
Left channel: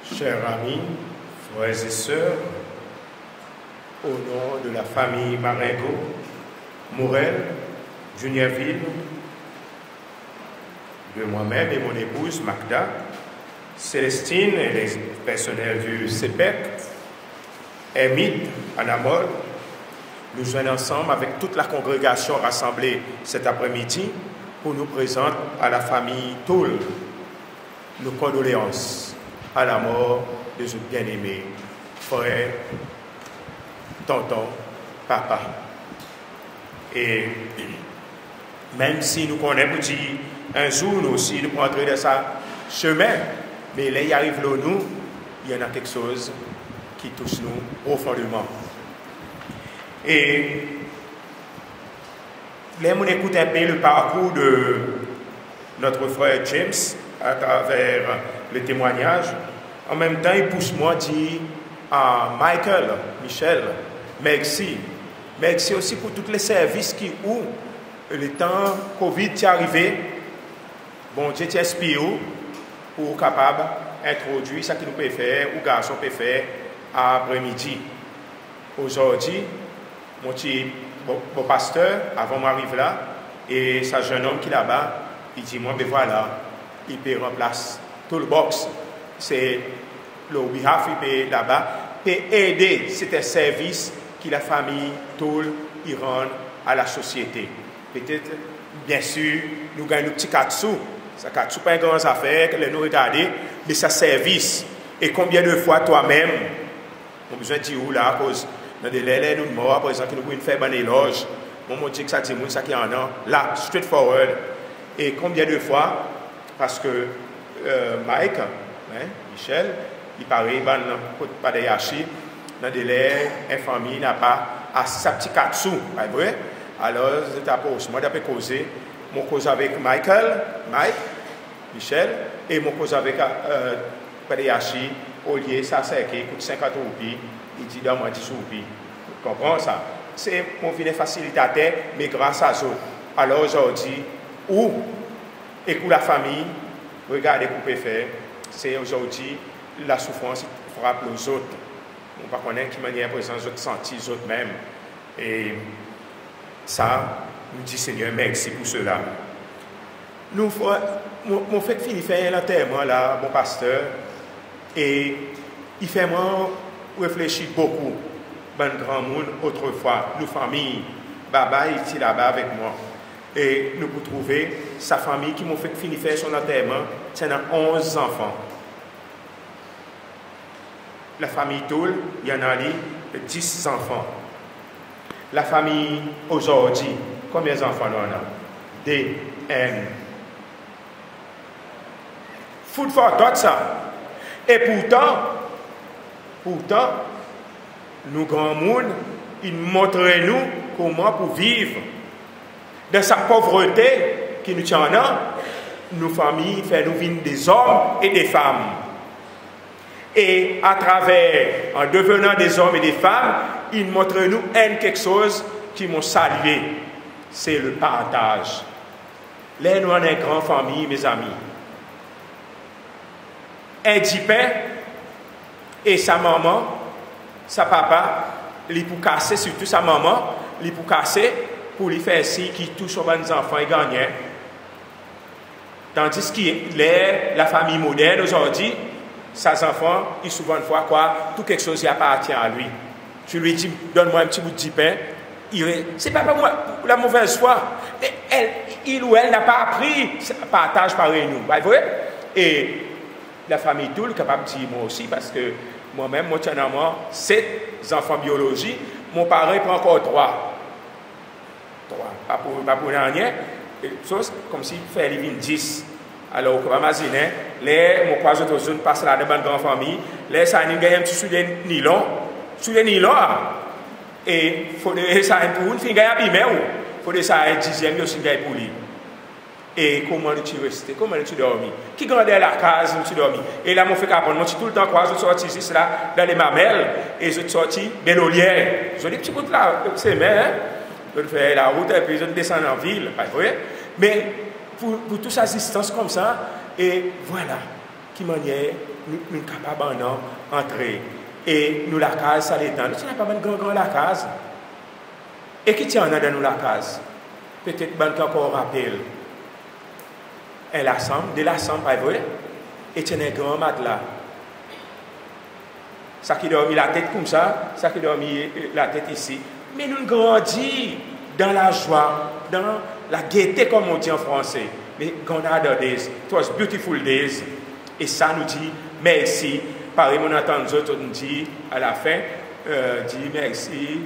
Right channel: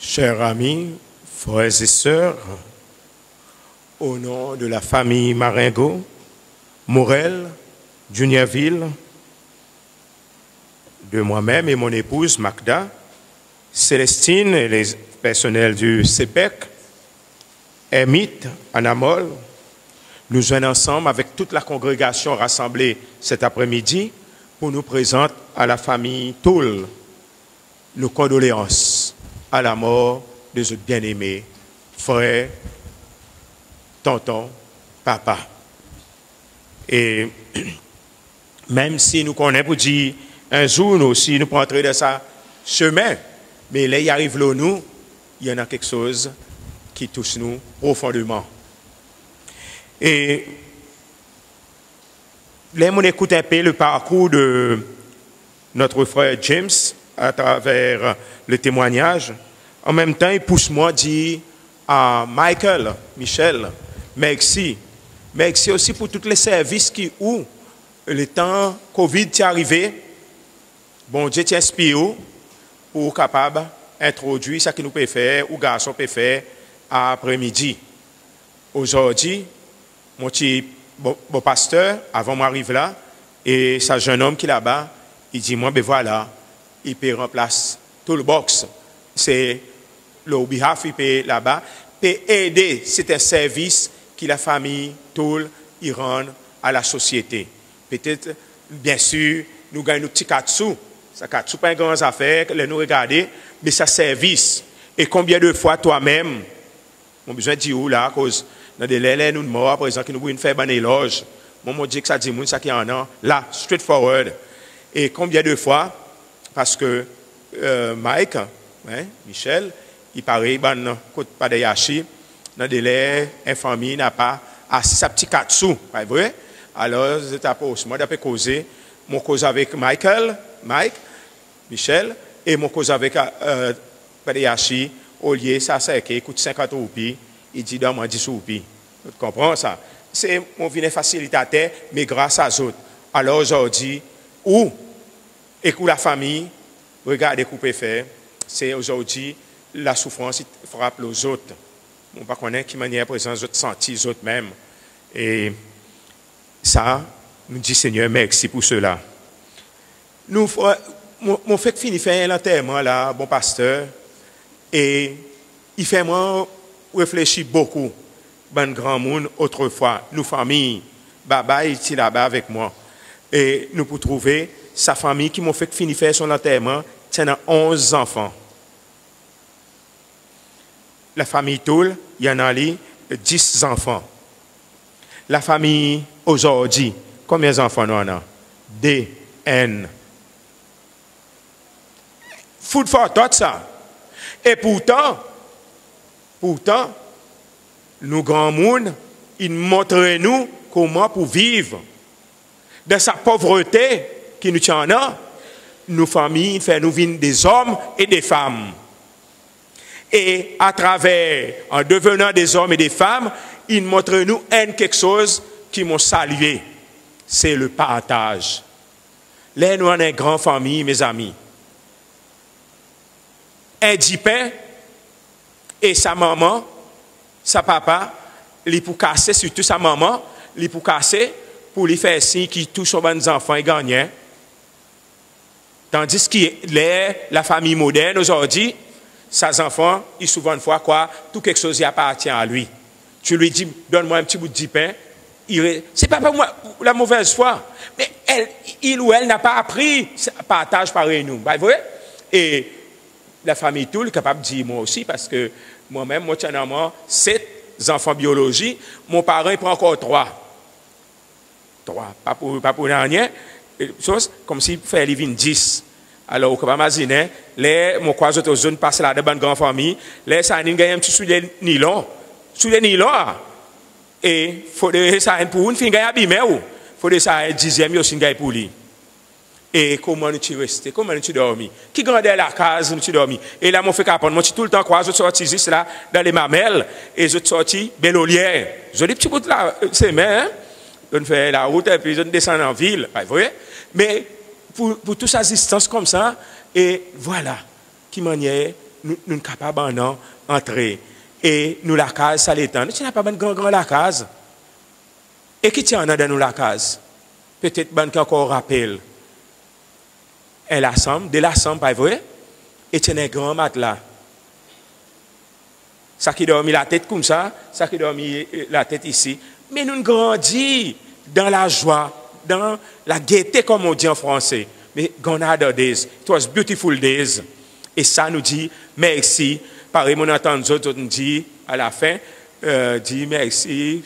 Chers amis, frères et sœurs, au nom de la famille Marengo, Morel, Juniorville, de moi-même et mon épouse Magda, Célestine et les personnels du CEPEC, Emit, Anamol, nous joignons ensemble avec toute la congrégation rassemblée cet après-midi pour nous présenter à la famille Toul nos condoléances à la mort de ce bien-aimé frère, tonton, papa. Et même si nous connaissons, dit un jour nous aussi, nous pouvons entrer dans sa chemin, mais là, il arrive là, nous, il y en a quelque chose qui touche nous profondément. Et Là, on écoute un peu le parcours de notre frère James à travers le témoignage. En même temps, il pousse moi à dire à Michel, merci. Merci aussi pour tous les services qui, où le temps Covid est arrivé, bon Dieu t'inspire pour capable d'introduire ce que nous pouvons faire, ou garçons peuvent faire après-midi. Aujourd'hui, mon petit bon pasteur, avant m'arrive là, et ce jeune homme qui est là-bas, il dit, moi, ben voilà, il peut remplacer tout le box. C'est le behalf, il peut là-bas, peut aider, c'est un service que la famille, tout, il rend à la société. Peut-être, bien sûr, nous gagnons le petit katsu. Ça katsu pas une grande affaire, nous regarder, mais ça service. Et combien de fois toi-même, on a besoin de dire où là, à cause dans des lèvres, nous morts, par exemple, nous pouvons faire un éloge. Moi, je dis que ça dit, nous, ça qui en a, là, straightforward. Et combien de fois, parce que Mike, Michel, il paraît, pas de yashi, dans des lèvres, une famille n'a pas assez sa petit katsu. Vrai? Alors, moi, j'ai causé, mon cause avec Mike, Michel, et mon cause avec Padeyashi, au lieu, ça, c'est qui coûte 50 roupies, il dit, donne-moi 10 roupies. Vous comprenez ça? C'est, on vient facilitateur, mais grâce à eux. Alors, aujourd'hui, où, écoute la famille, regardez ce que vous pouvez faire, c'est aujourd'hui, la souffrance frappe les autres. On ne connaît pas qui manière présent, les autres sentis, les autres même. Et ça, nous dit Seigneur, merci pour cela. Nous, mon fait fini faire un enterrement là, mon pasteur, et il fait moi réfléchir beaucoup. Bon grand monde, autrefois, nos familles, Baba était là-bas avec moi. Et nous pouvons trouver sa famille qui m'a fait fini faire son enterrement, c'est 11 enfants. La famille Toul, il y en a 10 enfants. La famille aujourd'hui, combien d'enfants nous en a? D, N. Food for thought, ça. Et pourtant, nous grands monde, ils montrent nous comment pour vivre. Dans sa pauvreté qui nous tient là, nos familles font nous vivre des hommes et des femmes. Et à travers, en devenant des hommes et des femmes, ils montrent nous quelque chose qui m'ont salué. C'est le partage. Là, nous avons une grande famille, mes amis. Un dipin et sa maman, sa papa, il pour casser, surtout sa maman, il pour casser, pour lui faire signe qui touche aux bonnes enfants et gagnent. Tandis que la famille moderne aujourd'hui, ses enfants, ils souvent une fois quoi, tout quelque chose qui appartient à lui. Tu lui dis, donne-moi un petit bout de pain. C'est pas pour moi la mauvaise foi. Mais il ou elle n'a pas appris ce partage pareil nous. Pas vrai? Et la famille Toul est capable de dire moi aussi, parce que moi-même, moi, j'ai 7 enfants biologiques. Mon parent prend encore 3. Pas pour rien. Chose comme s'il fait les 10. Alors, on peut imaginer, les mon croise de zone passe là, de bonne grande famille, les ça gagne un petit sous les nylon. Sous les nylon, et il faut que ça pour une fille gagne abîmé ou il faut que ça un dixième aussi gagne pour lui. Et comment tu restes, comment tu dormis? Qui grandit la case, tu dormis? Et là, mon fait qu'apprendre, moi, tout le temps, quoi, je sortis ici, là, dans les mamelles, et je sortis Bellolière. Je dis, petit bout là, c'est mais, je fais la route, et puis je descends en ville, vous voyez? Mais, pour toute assistance comme ça, et voilà, qui manière, nous sommes capables d'entrer. Et nous, la case, ça l'étend. Tu n'as pas même grand la case. Et qui tient dans nous la case? Peut-être ben qui encore rappelle. Elle assemble, de l'assemble, pas vrai? Et tu as un grand matelas. Ça qui dormit la tête comme ça, ça qui dormit la tête ici. Mais nous grandissons dans la joie, dans la gaieté, comme on dit en français. Mais gone are the days. It was beautiful days. Et ça nous dit merci. Pareil, mon entend nous autres, nous dit à la fin, dit merci,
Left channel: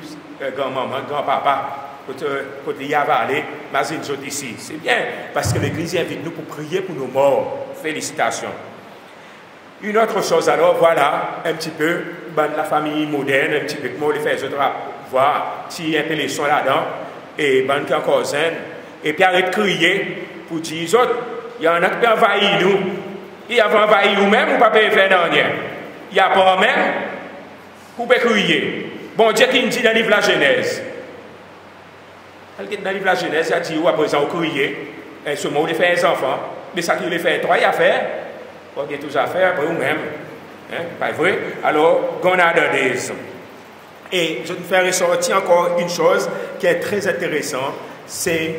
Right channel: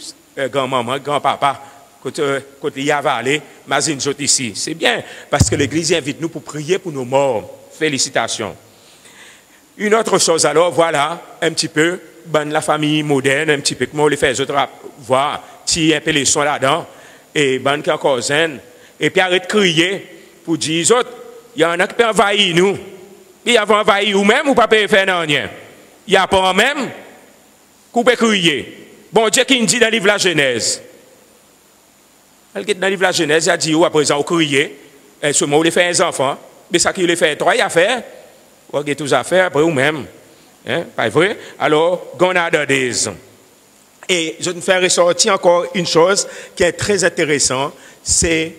grand-maman, grand-papa. Quand il y a allé, mais ici. C'est bien, parce que l'Église invite nous pour prier pour nos morts. Félicitations. Une autre chose, alors, voilà, un petit peu, ben, la famille moderne, un petit peu, comment on les fait, les autres, voir, si un peu les soins là-dedans. et ban qui encore zen, et puis arrête de crier pour dire aux autres, il y en a qui envahissent nous. Il y a envahi nous-mêmes ou pas faire rien. Il y a pas même qu'on peut crier. Bon Dieu qui nous dit dans le livre de la Genèse. Dans le livre de la Genèse, il a dit, à présent, on crier. Et seulement, on les fait un enfant. Mais ça qui les fait, trois affaires. On a tous affaires après vous-même. Hein? Pas vrai? Alors, on a des. Et je vais faire ressortir encore une chose qui est très intéressante, c'est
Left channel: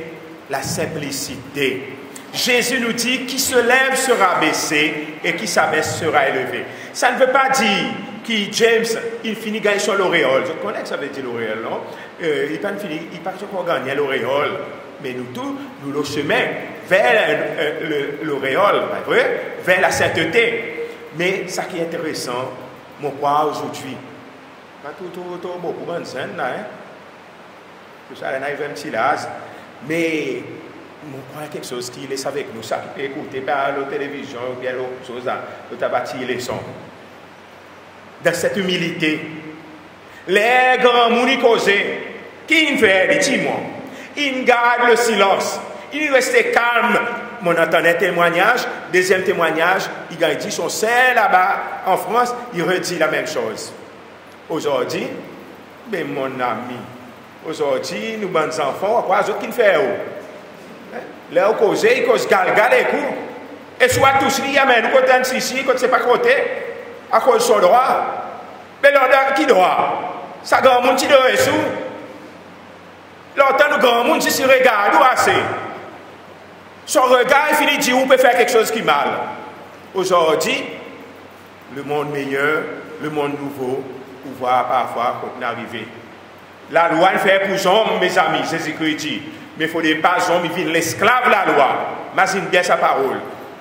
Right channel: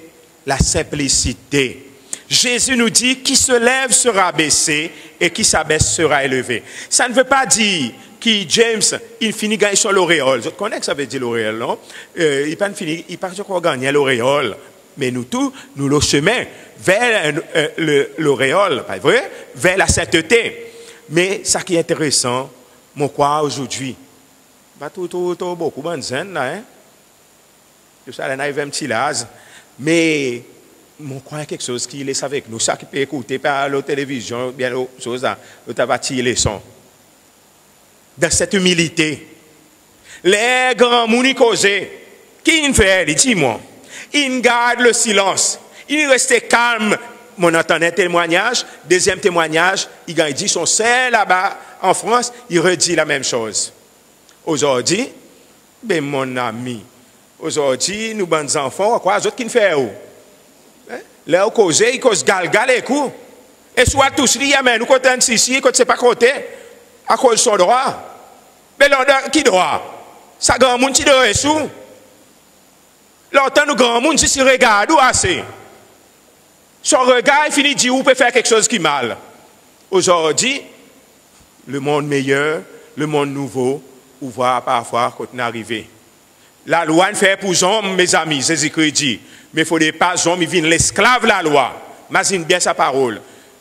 la simplicité. Jésus nous dit qui se lève sera baissé et qui s'abaisse sera élevé. Ça ne veut pas dire que James, il finit gagner sur l'auréole. Je connais que ça veut dire l'auréole, non? Il pas encore gagner l'auréole. Mais nous tous, nous le chemin vers l'auréole, pas vrai? Vers la sainteté. Mais ça qui est intéressant, mon quoi aujourd'hui, pas tout beaucoup de scène, hein? Tout ça, on a un petit lase. Mais mon croit quelque chose qui laisse avec nous, ça qui peut écouter par la télévision, bien l'autre chose là, nous avons bâti les sons. Dans cette humilité, les grands mounis causés, qui ne fait des timons, ils gardent le silence, ils restent calmes. Mon entendait témoignage, deuxième témoignage, il a dit son sein là-bas en France, il redit la même chose. Aujourd'hui, ben mon ami, aujourd'hui, nous, bons enfants, quoi, les autres qui ne font où? Leur causer, ils causent galgal et coup. Et soit tous liés, mais nous comptons ici, quand c'est pas compté, à cause de son droit. Mais l'ordre qui droit? Ça grand monde qui doit être sous. L'ordre nous grand monde, si se regarde, ou assez. Son regard, il finit de dire, on peut faire quelque chose qui est mal. Aujourd'hui, le monde meilleur, le monde nouveau, on voit parfois quand on est arrivé. La loi ne fait pour les hommes, mes amis, c'est ce qu'il dit. Mais il ne faut pas que les hommes viennent l'esclave de la loi. Imagine bien sa parole.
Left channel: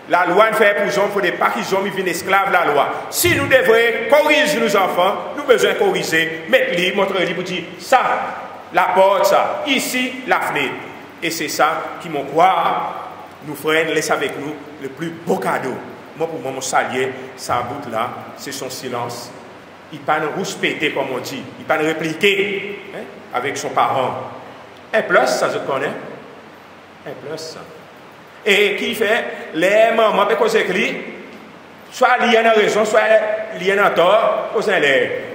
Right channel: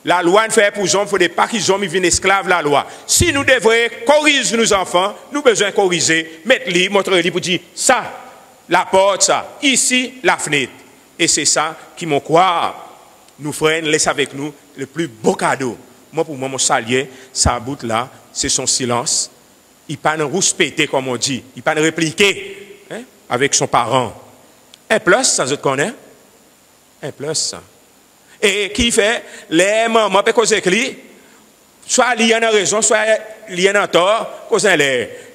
La loi ne fait pour les hommes, il ne faut pas que les hommes viennent esclaves de la loi. Si nous devons corriger nos enfants, nous avons besoin de corriger, mettre-les, montrer-les pour dire ça, la porte, ça, ici, la fenêtre. Et c'est ça qui m'en croit. Nous frères, laisse avec nous le plus beau cadeau. Moi, pour moi, mon salier, ça bout là, c'est son silence. Il ne peut pas rouspéter, comme on dit. Il ne peut pas répliquer hein, avec son parent. Un plus, ça je connais. Un plus. Et qui fait, les mamans, parce qu'on écrit, soit liés à raison, soit liés à tort, parce que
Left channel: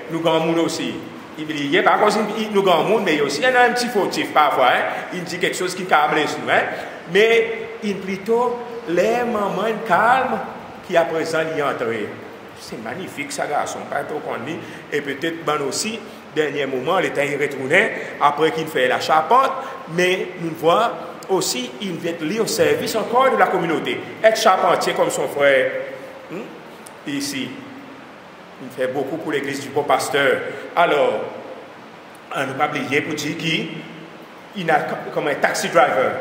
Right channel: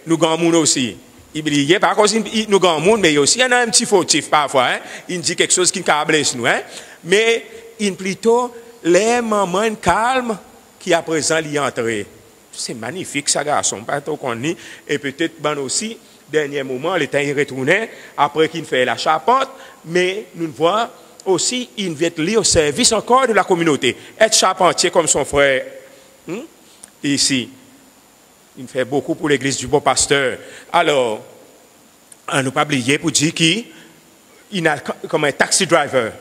nous gagnons aussi. Il y a pas cause nous gagnons, mais aussi il y a un petit fautif parfois. Hein. Il dit quelque chose qui câble sur nous. Hein. Mais il plutôt les mamans calmes qui à présent y entrer. C'est magnifique ça, garçon. Pas trop qu'on dit. Et peut-être ben aussi, dernier moment, l'État est retourné après qu'il fait la charpente. Mais nous voyons aussi, il vient lié au service encore de la communauté. Être charpentier comme son frère. Ici. Il fait beaucoup pour l'église du beau pasteur. Alors, on ne pas oublier pour dire qu'il a comme un taxi driver.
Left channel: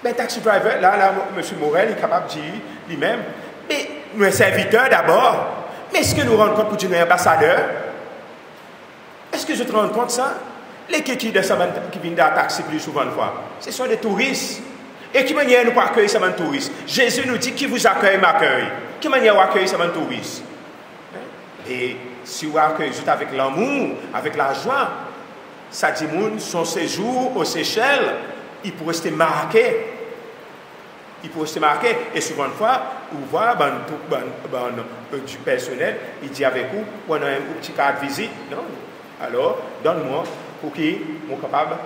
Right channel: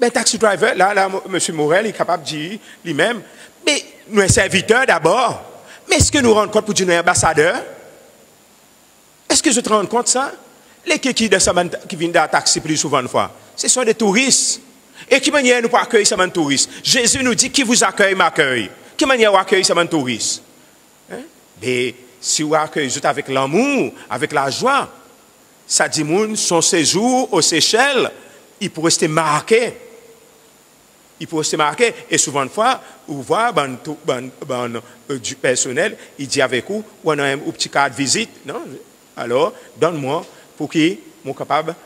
Mais taxi driver, là, M. Morel est capable de dire lui-même, mais nous sommes serviteurs d'abord. Mais est-ce que nous rendons compte pour dire un ambassadeur? Est-ce que je te rends compte de ça? Les qui viennent dans le taxi plus souvent de fois, ce sont des touristes. Et qui manière nous accueillir ces touristes? Jésus nous dit qui vous accueille m'accueille. Qui manière vous accueillir ces touristes? Et si vous accueillez avec l'amour, avec la joie, ça dit son séjour aux Seychelles, il pourrait rester marqué. Il pourrait rester marqué. Et souvent de fois, vous voyez du personnel, il dit avec vous, on a un petit cas de visite. Non? Alors, donne-moi pour qui je suis capable,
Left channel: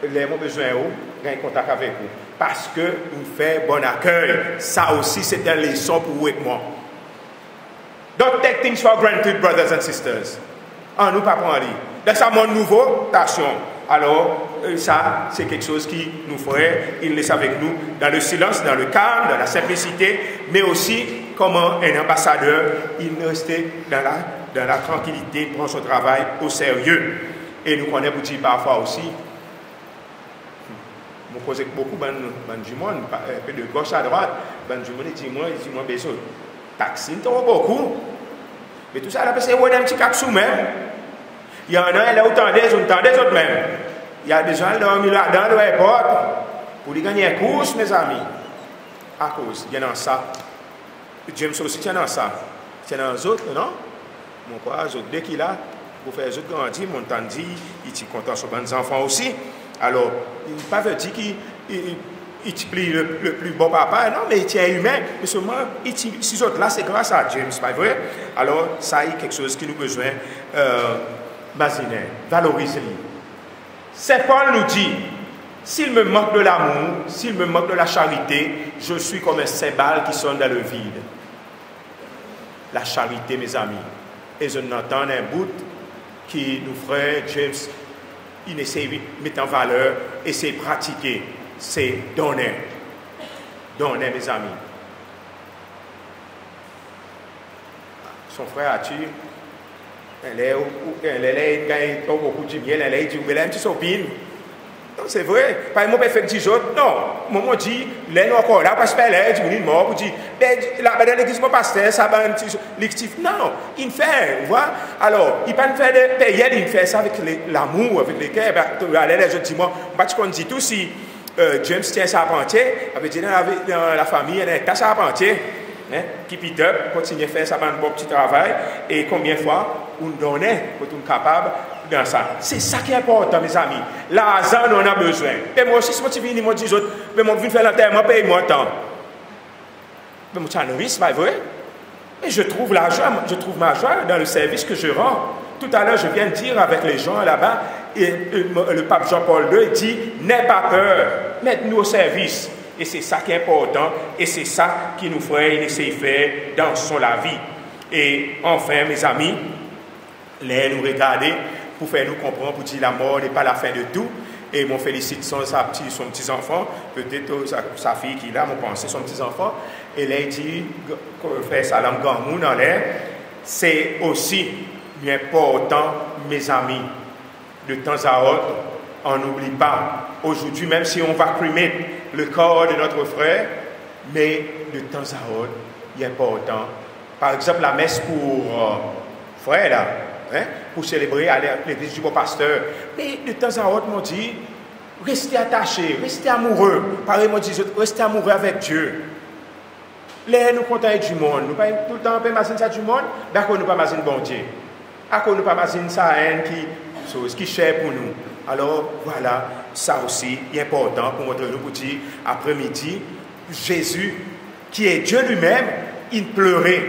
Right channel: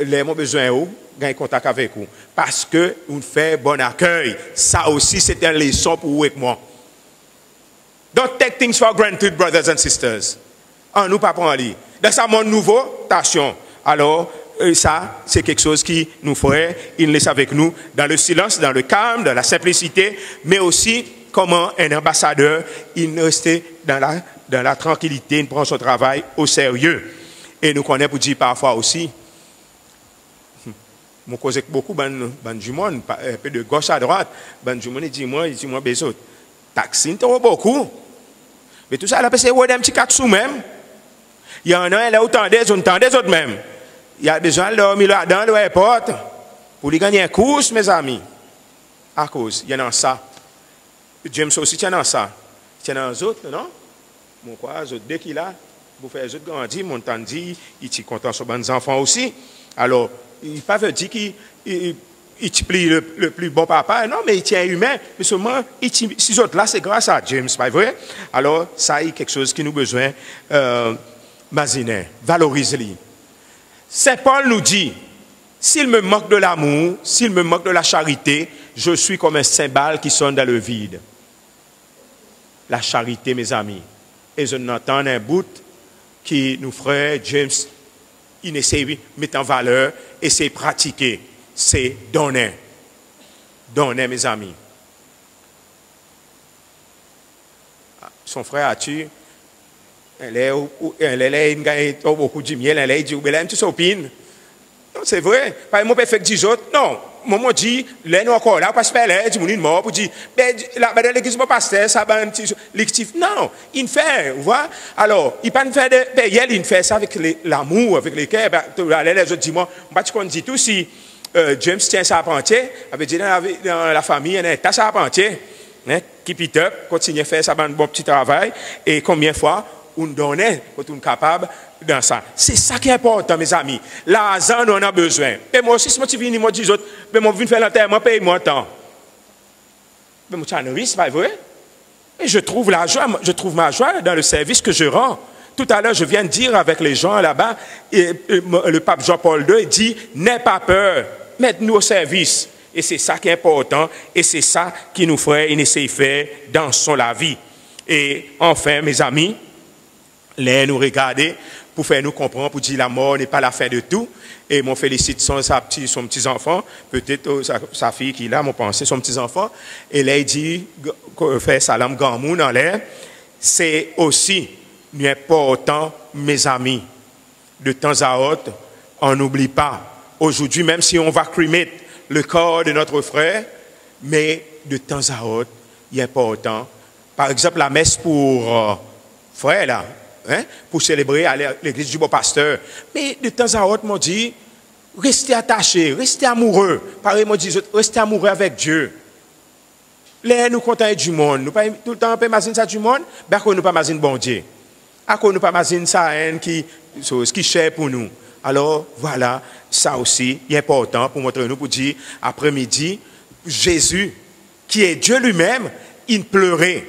les mon besoin de gagner contact avec vous. Parce que vous faites bon accueil. Ça aussi, c'est une leçon pour vous et moi. Don't take things for granted, brothers and sisters. On nous pas prendre. Dans ce monde nouveau, attention. Alors, ça, c'est quelque chose qui nous ferait, il laisse avec nous, dans le silence, dans le calme, dans la simplicité, mais aussi comment un ambassadeur, il restait dans la tranquillité, il prend son travail au sérieux. Et nous connaissons pour dire parfois aussi, je cause beaucoup du monde, un peu de gauche à droite, du monde, il dit moi, besoin. Taxi, il tombe beaucoup. Mais tout ça, là, c'est un petit cap sous même. Il y en a, il y a autant des autres même. Il y a besoin de dormir là-dedans, de l'aéroport, pour lui gagner un course, mes amis. À cause, il y en a ça. James aussi tient dans ça. Il tient dans les autres, non? Mon quoi, les autres, dès qu'il a, Vous faites ce qu'on dit, mon temps dit, il est content sur les enfants aussi. Alors, il ne pas dire qu'il plie le plus bon papa, non, mais il est humain, mais seulement, si autres là, c'est grâce à James, pas vrai? Alors, ça, il y a quelque chose qui nous besoin d'imaginer, valoriser. Saint Paul nous dit, s'il me manque de l'amour, s'il me manque de la charité, je suis comme un cymbale qui sonne dans le vide. La charité, mes amis. Et je n'entends un bout qui nous ferait, James, il essaie de mettre en valeur, essaie de pratiquer, c'est donner. Donner, mes amis. Son frère a tué, elle est beaucoup de miel, elle est dit, elle est un petit sopine. C'est vrai. Par exemple, mon père fait 10 autres. Non. Moi, dit, là, nous encore là, parce que là, tu es mort, vous dites, la madame de l'église, mon pasteur, ça va un petit lectif. Non, il fait, vous voyez. Alors, il ne peut pas faire de payer, il fait ça avec l'amour, avec les cœurs. Je dis, moi, je dis tout, si James tient sa parentier, avait dit dans la famille, il y a un sa parentier, keep it up, continue à faire ça, un bon petit travail, et combien de fois, on donnait, on est capable dans ça. C'est ça qui est important, mes amis. L'argent, on a besoin. Et moi aussi, si je viens, moi, je dis, mais moi, je viens faire l'enterrement, paye-moi tant. Mais moi, c'est un risque, pas vrai? Et je trouve la joie, je trouve ma joie dans le service que je rends. Tout à l'heure, je viens de dire avec les gens là-bas, et le pape Jean-Paul II dit, n'aie pas peur, mettez-nous au service. Et c'est ça qui est important, et c'est ça qui nous ferait essayer de faire dans la vie. Et enfin, mes amis, les nous regarder, pour faire nous comprendre, pour dire la mort n'est pas la fin de tout. Et mon félicite son petit-enfant, peut-être sa fille qui l'a, mon pensée, son petit-enfant. Et là, il dit, faire salam gamou dans l'air. C'est aussi important, mes amis. De temps à autre, on n'oublie pas. Aujourd'hui, même si on va crimer le corps de notre frère, mais de temps à autre, il est important. Par exemple, la messe pour frère, là. Pour célébrer à l'église du beau pasteur. Mais de temps à autre, on dit, restez attachés, restez amoureux. Pareil, on dit, restez amoureux avec Dieu. Les nous comptons du monde. Nous pas tout le temps on peut imaginer ça du monde, mais qu'on ne pas imaginer bon Dieu. À qu'on ne pas imaginer ça qui cher pour nous. Alors voilà, ça aussi est important pour montrer nous pour dire après-midi, Jésus, qui est Dieu lui-même, il pleurait.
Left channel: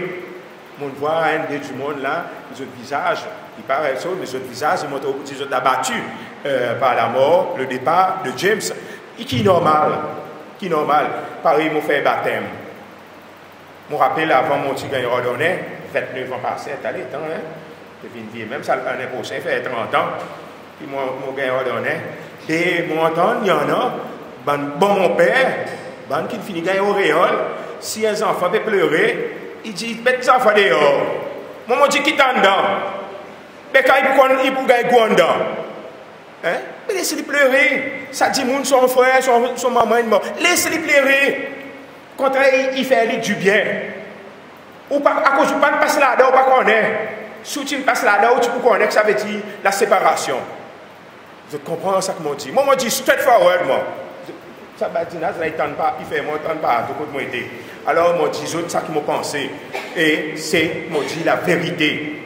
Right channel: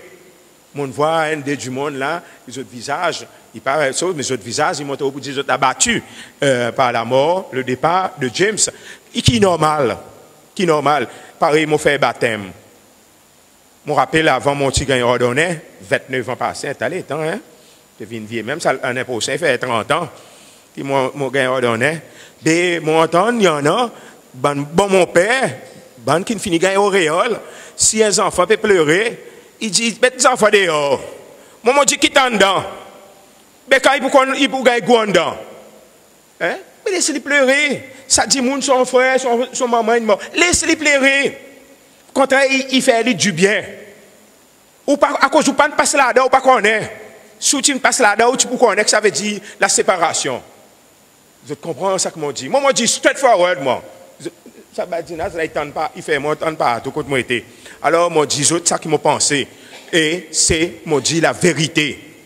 On voit un des du monde là, les autres visages, il paraît ça, mais les autres visages, ils montrent beaucoup qu'ils ont abattu par la mort, le départ de James, et qui est normal. Qui est normal. Pareil, mon fait baptême. Je me rappelle avant mon petit gagne ordonné, 29 ans passé, t'as les temps, hein? Même ça, l'année prochaine, il fait 30 ans, qui mon gagne ordonné. Et mon entend, il y en a, bon mon père, bon qui finit gagne auréole, si un enfant peut pleurer, il dit, mettez les enfants dehors. Moi, je dis, qui est dedans? Mais quand il peut gagner dedans. Hein? Laissez-les pleurer. Ça dit, son frère, son maman, laissez-les pleurer. Quand il fait du bien. Ou pas, à cause du pas passe là-dedans, ou pas connaître. Si tu passes là-dedans, tu peux connaître, ça veut dire la séparation. Je comprends ça que moi dis. Moi, je dis straightforward, moi. Ça va dire, il fait moi, tant pas, tout côté moi été. Alors, moi, dis ça qui m'a pensé. Et c'est, moi, dis la vérité.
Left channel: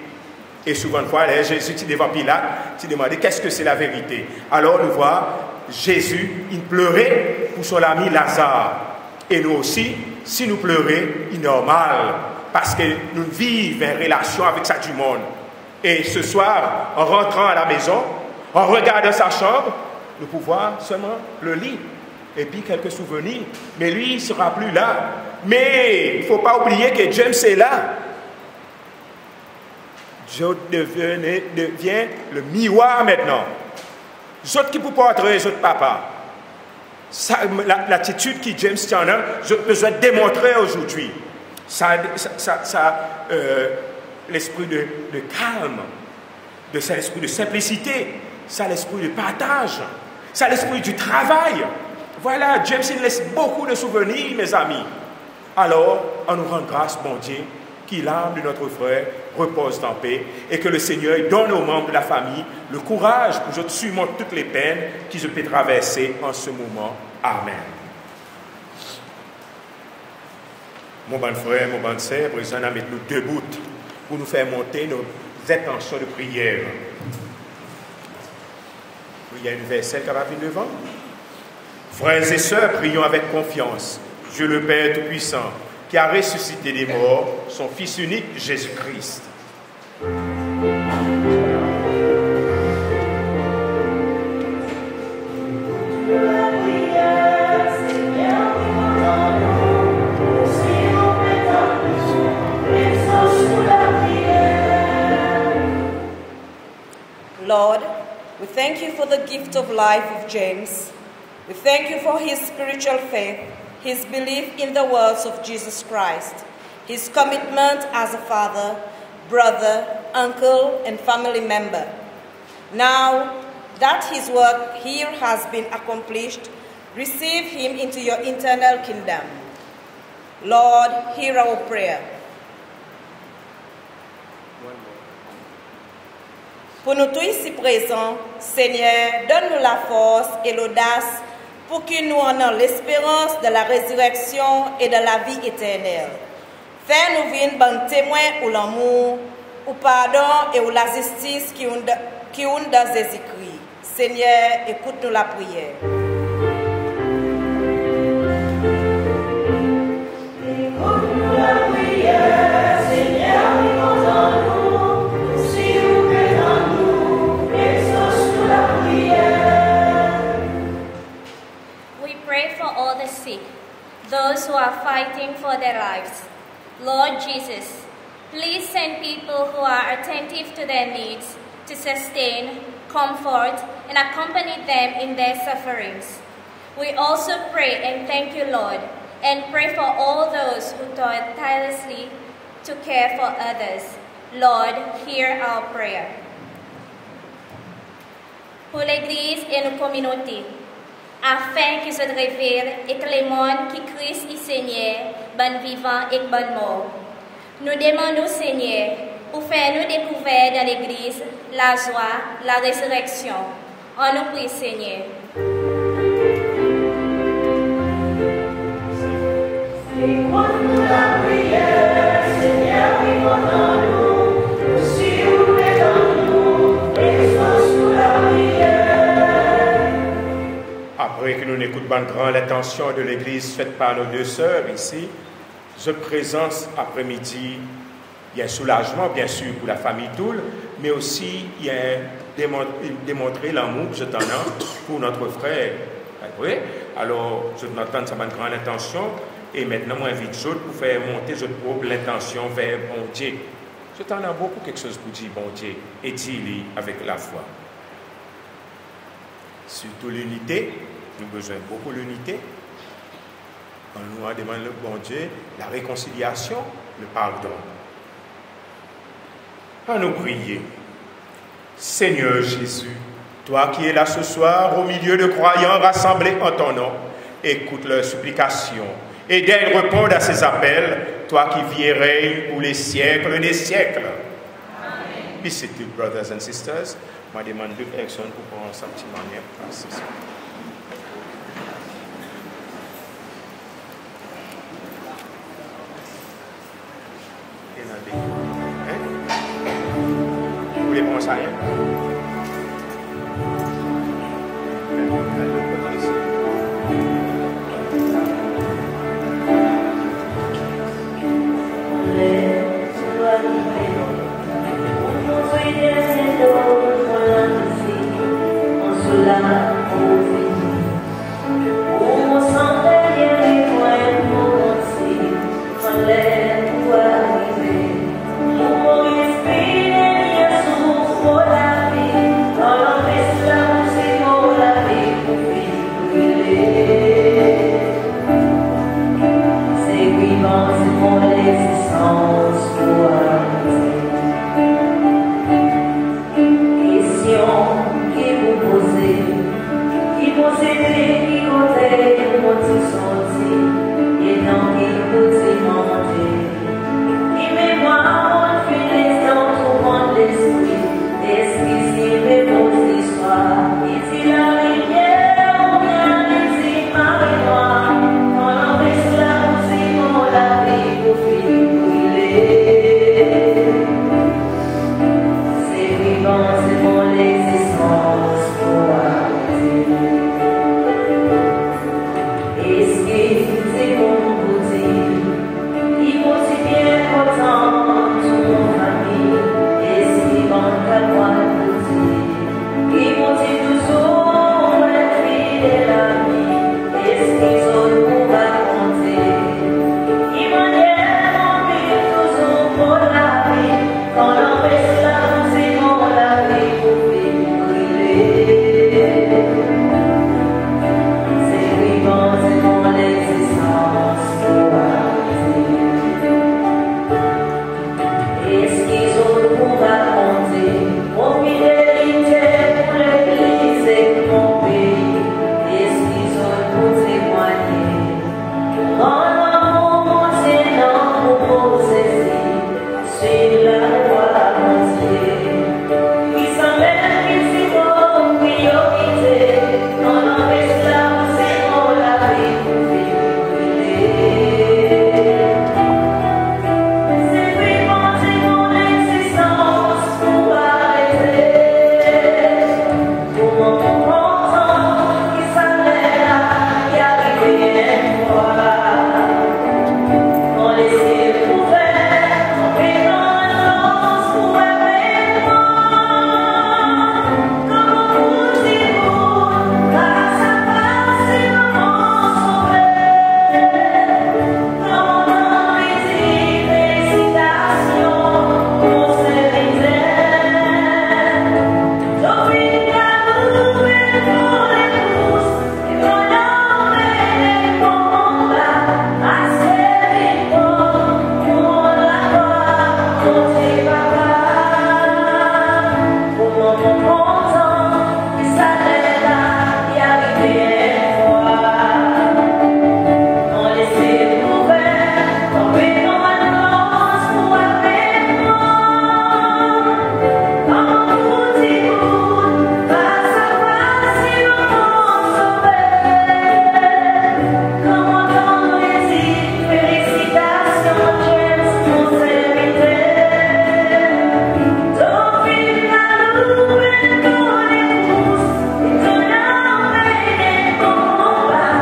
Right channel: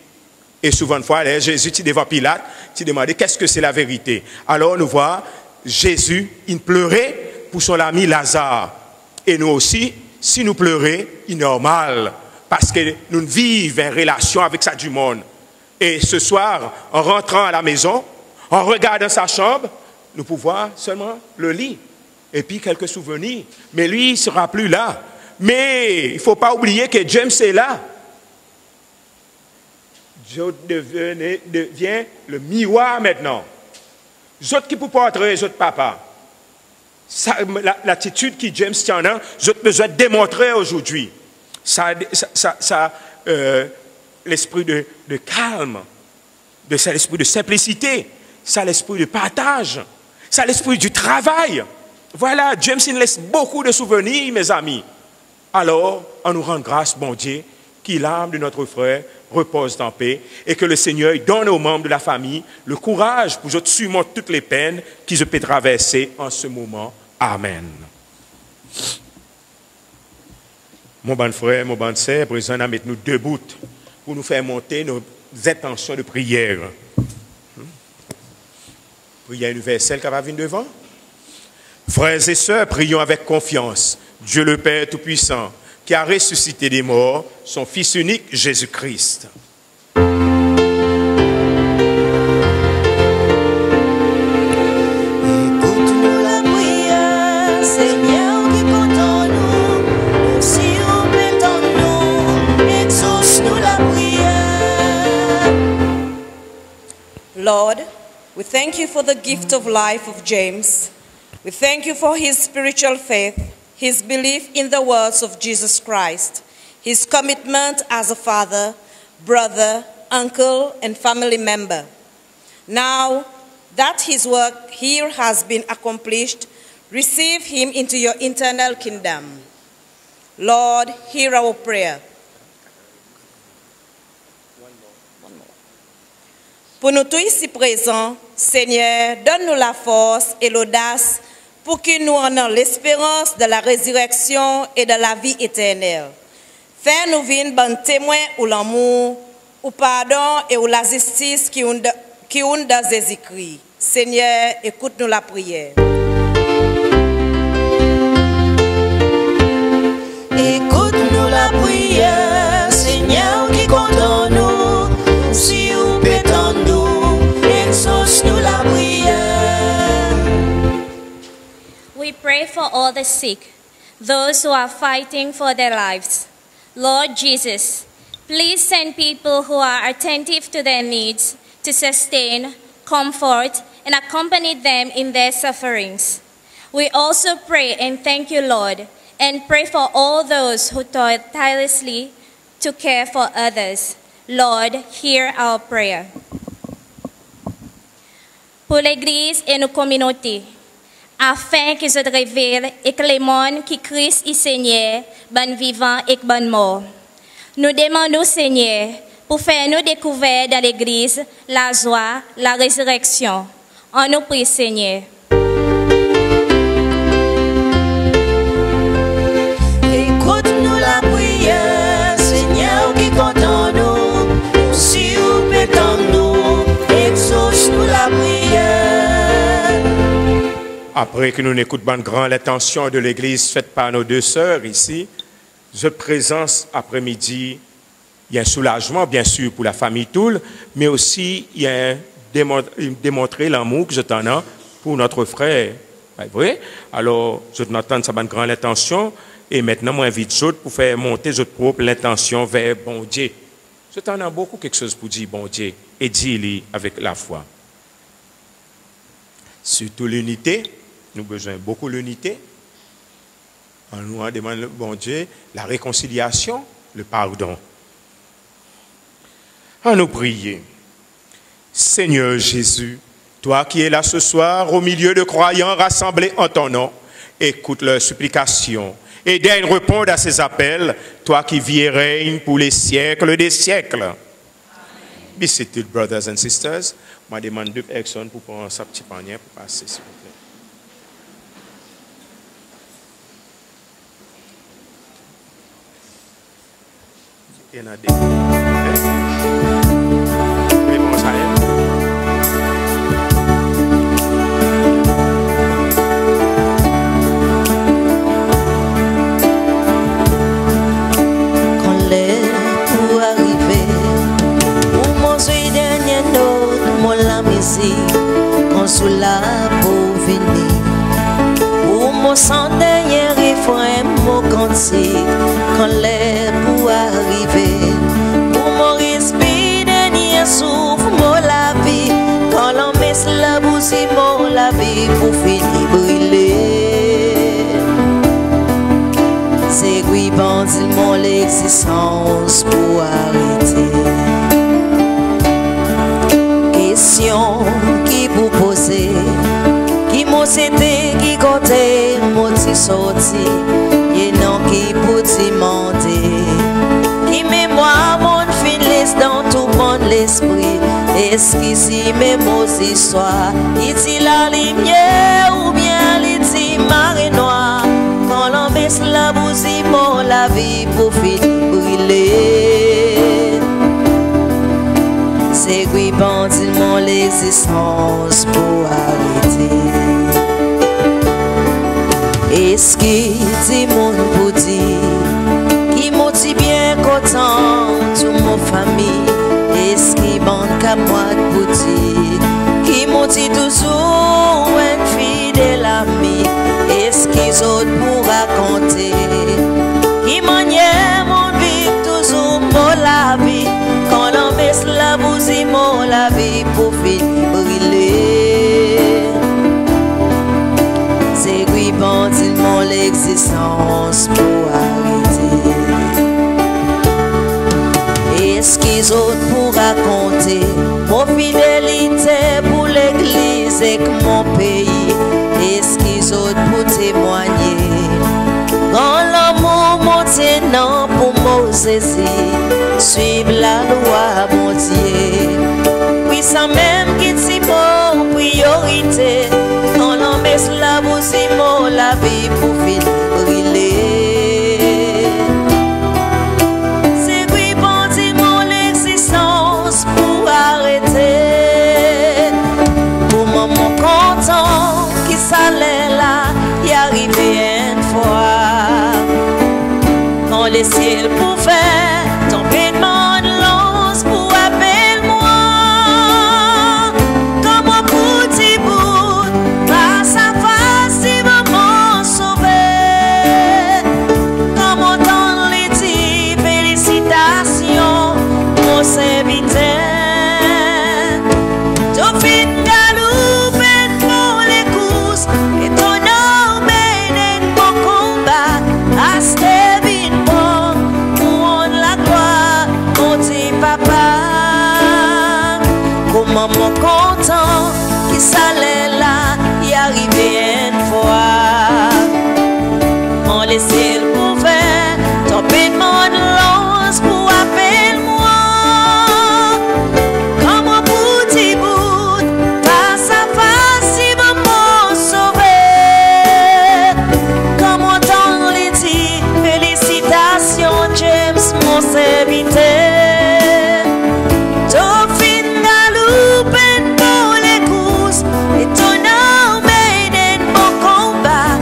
Et souvent, une fois, Jésus, tu devant Pilate, tu demandais qu'est-ce que c'est la vérité. Alors, nous voyons, Jésus, il pleurait pour son ami Lazare. Et nous aussi, si nous pleurons, il est normal. Parce que nous vivons en relation avec ça du monde. Et ce soir, en rentrant à la maison, en regardant sa chambre, nous pouvons seulement le lit. Et puis quelques souvenirs. Mais lui, il ne sera plus là. Mais il ne faut pas oublier que James est là. Je deviens le miroir maintenant. Je qui vous porterai, je papa. L'attitude que James tient là, je besoin de démontrer aujourd'hui. L'esprit de calme, ça l'esprit de simplicité, ça l'esprit de partage, ça l'esprit du travail. Voilà, James il laisse beaucoup de souvenirs, mes amis. Alors, on nous rend grâce, bon Dieu, que l'âme de notre frère repose en paix et que le Seigneur donne aux membres de la famille le courage pour que surmonter toutes les peines qu'ils peuvent traverser en ce moment. Amen. Mon bon frère, mon bon sœur, présent avec nous debout pour nous faire monter intentions de prière. Il y a une verset qui va venir devant. Frères et sœurs, prions avec confiance. Dieu le Père Tout-Puissant, qui a ressuscité les morts, son Fils unique, Jésus-Christ. Lord, we thank you for the gift of life of James. We thank you for his spiritual faith, his belief in the words of Jesus Christ, his commitment as a father, brother, uncle, and family member. Now that his work here has been accomplished, receive him into your eternal kingdom. Lord, hear our prayer. Pour nous tous ici présents, Seigneur, donne-nous la force et l'audace pour que nous ayons l'espérance de la résurrection et de la vie éternelle. Fais-nous vivre bon témoin ou l'amour, ou pardon et ou la justice qui ont dans les écrits. Seigneur, écoute-nous la prière. Écoute-nous la prière, Seigneur, qui compte en nous. Si vous pétons nous, exauce-nous la prière. We pray for all the sick, those who are fighting for their lives. Lord Jesus, please send people who are attentive to their needs to sustain, comfort, and accompany them in their sufferings. We also pray and thank you, Lord, and pray for all those who toil tirelessly to care for others. Lord, hear our prayer. Pour l'Église et nos communautés, afin qu'ils se révèlent et que les mondes qui Christ y Seigneur, bon vivant et bon mort. Nous demandons, Seigneur, pour faire nous découvrir dans l'Église la joie, la résurrection. On nous prie, Seigneur. Écoute-nous la prière, Seigneur, qui compte en nous. Si vous pétons nous, exauce-nous la prière. Après que nous n'écoutons grand l'intention de l'Église faite par nos deux sœurs ici, je présence après-midi, il y a un soulagement bien sûr pour la famille Toul, mais aussi il y a démontrer l'amour que je t'en ai pour notre frère. Oui? Alors, je t'entends ça une grande intention et maintenant, moi, invite Jode pour faire monter votre propre l'intention vers bon Dieu. Je t'en ai beaucoup quelque chose pour dire bon Dieu et dire avec la foi. Surtout l'unité, nous avons besoin beaucoup de l'unité. On nous demande le bon Dieu la réconciliation, le pardon. À nous prier. Seigneur Jésus, toi qui es là ce soir au milieu de croyants rassemblés en ton nom, écoute leurs supplications et daigne répondre à ces appels, toi qui vis et règnes pour les siècles des siècles. Amen. Be seated, brothers and sisters. Je demande deux personnes pour prendre sa petite manière. Asseyez-vous. Sous la pour venir, pour mon sang dernier refrain, mon cantique, quand l'air pour arriver, pour mon respire dernier souffle, mon la vie, quand l'on met la bougie, mon la vie pour finir brûler. C'est lui bandit mon l'existence pour arrêter. Question qui vous posez, qui m'a cité, qui comptait, m'a sorti, et non qui pour monter, qui mémoire mon finesse dans tout mon l'esprit, est-ce qu'ici mes beaux histoires, dit la lumière ou bien les dit marée noire, quand on met la musique pour la vie pour finir brûler. Est-ce qu'il dit mon pour dire, qui m'ont dit bien content, toute mon famille, est-ce qu'il manque à moi pour dire, qui m'ont dit toujours une fidèle amie, est-ce qu'ils ont pour raconter, qui manière mon vie toujours mon la vie, quand on met la musique mon la vie pour finir brûler. C'est lui bandit mon l'existence pour arrêter. Est-ce qu'ils ont pour raconter mon fidélité pour l'église et que mon pays? Est-ce qu'ils ont pour témoigner quand l'amour monte non pour Moses suivre la loi mon Dieu? Oui, ça même qui c'est mon priorité quand on met la musique mon la vie pour finir brûler. C'est oui, bon Dieu, mon existence pour arrêter. Pour mon content qui s'allait là, y arriver une fois. Quand les ciels pouvaient tomber mon lance pour appeler moi. Comme un petit bout, grâce à face, il veut m'en sauver. Comme entendre les dire félicitations, mon serviteur. Dauphine galope pour les courses, étonnant mais mon combat. Asté vite pour rendre la gloire, mon petit papa. Comment mon content qui s'allait là, y arriver une fois. On laissait le couvert, tomber mon lance pour appeler moi. Comme un petit bout, face à face, il veut m'en sauver. Comme entendre les dire, félicitations, James, mon serviteur. Dauphine galope pour les courses, étonnant mais mon combat.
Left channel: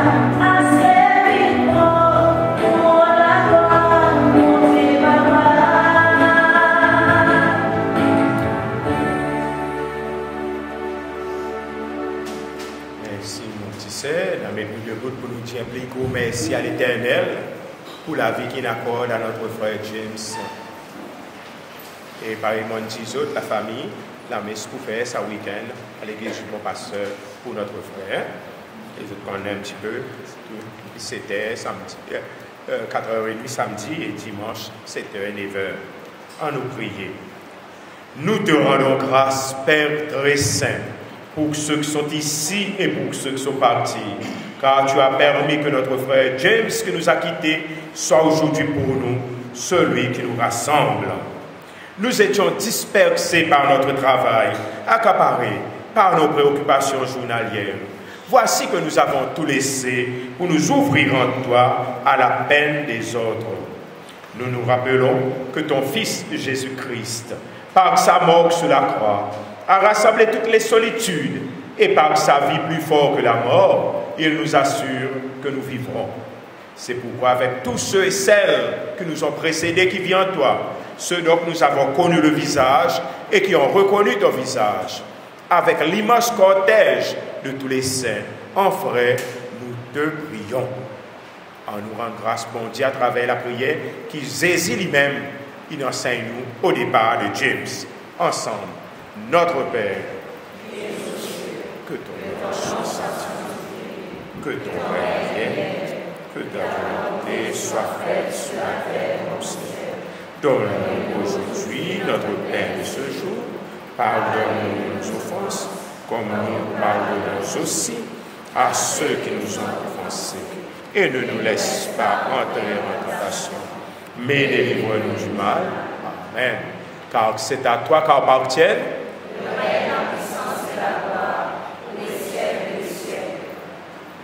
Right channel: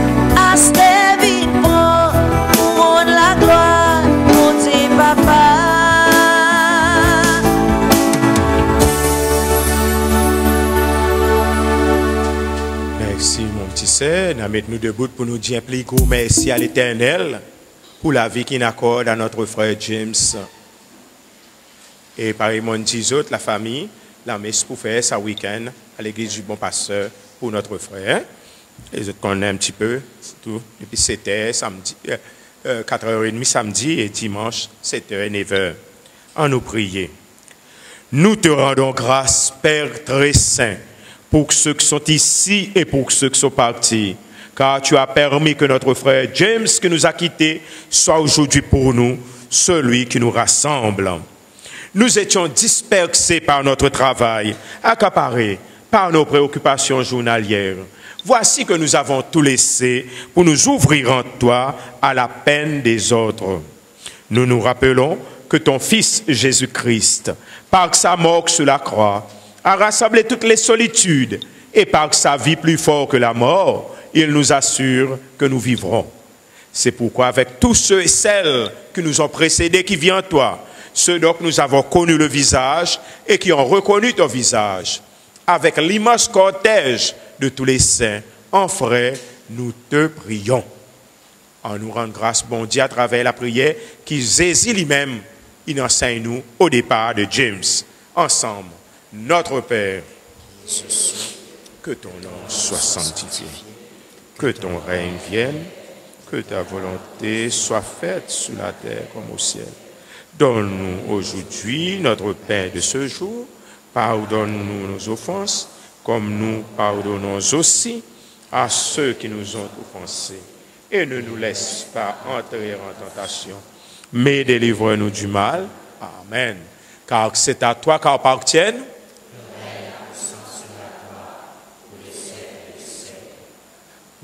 Asté vite pour rendre la gloire, mon petit papa. Merci, mon petit sœur. Nous debout pour nous dire un plus gros merci à l'Éternel pour la vie qu'il accorde à notre frère James. Et par mon petit autres, la famille, la messe pour faire ce week-end à l'église du Bon Pasteur pour notre frère. Les autres connaissent un petit peu, c'est tout. C'était samedi, 4h30 samedi et dimanche, 7h et 9h. En nous prier. Nous te rendons grâce, Père très saint, pour ceux qui sont ici et pour ceux qui sont partis. Car tu as permis que notre frère James, qui nous a quittés, soit aujourd'hui pour nous celui qui nous rassemble. Nous étions dispersés par notre travail, accaparés par nos préoccupations journalières. Voici que nous avons tout laissé pour nous ouvrir en toi à la peine des autres. Nous nous rappelons que ton Fils Jésus-Christ, par sa mort sur la croix, a rassemblé toutes les solitudes et par sa vie plus fort que la mort, il nous assure que nous vivrons. C'est pourquoi avec tous ceux et celles qui nous ont précédés, qui viennent en toi, ceux dont nous avons connu le visage et qui ont reconnu ton visage, avec l'immense cortège de tous les saints, en frères, nous te prions. En nous rend grâce, bon Dieu, à travers la prière qui saisit lui-même, il enseigne nous au départ de James. Ensemble, notre Père, que ton nom soit sanctifié, que ton règne vienne, que ta volonté soit faite sur la terre comme au ciel. Donne-nous aujourd'hui notre pain de ce jour. Pardonne-nous nos offenses, comme nous pardonnons aussi à ceux qui nous ont offensés. Et ne nous laisse pas entrer en tentation, mais délivre-nous du mal. Amen. Car c'est à toi qu'appartiennent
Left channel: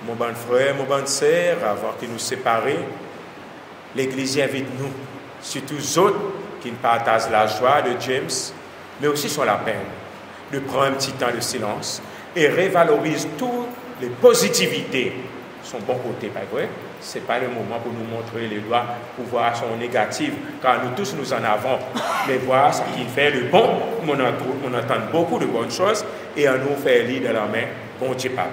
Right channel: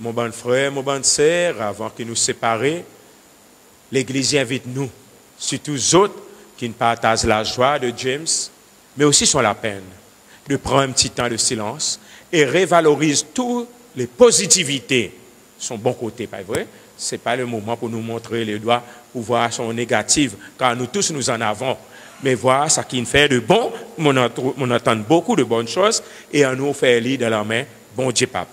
mon bon frère, mon bonne sœur, avant que nous séparions, l'Église invite nous, surtout les autres qui ne partagent la joie de James, mais aussi sur la peine, de prendre un petit temps de silence et révalorise toutes les positivités son bon côté, pas vrai? Ce n'est pas le moment pour nous montrer le doigt, pour voir son négatif, car nous tous nous en avons. Mais voir ce qui fait de bon, on entend beaucoup de bonnes choses, et on nous fait lire de la main, bon Dieu papa.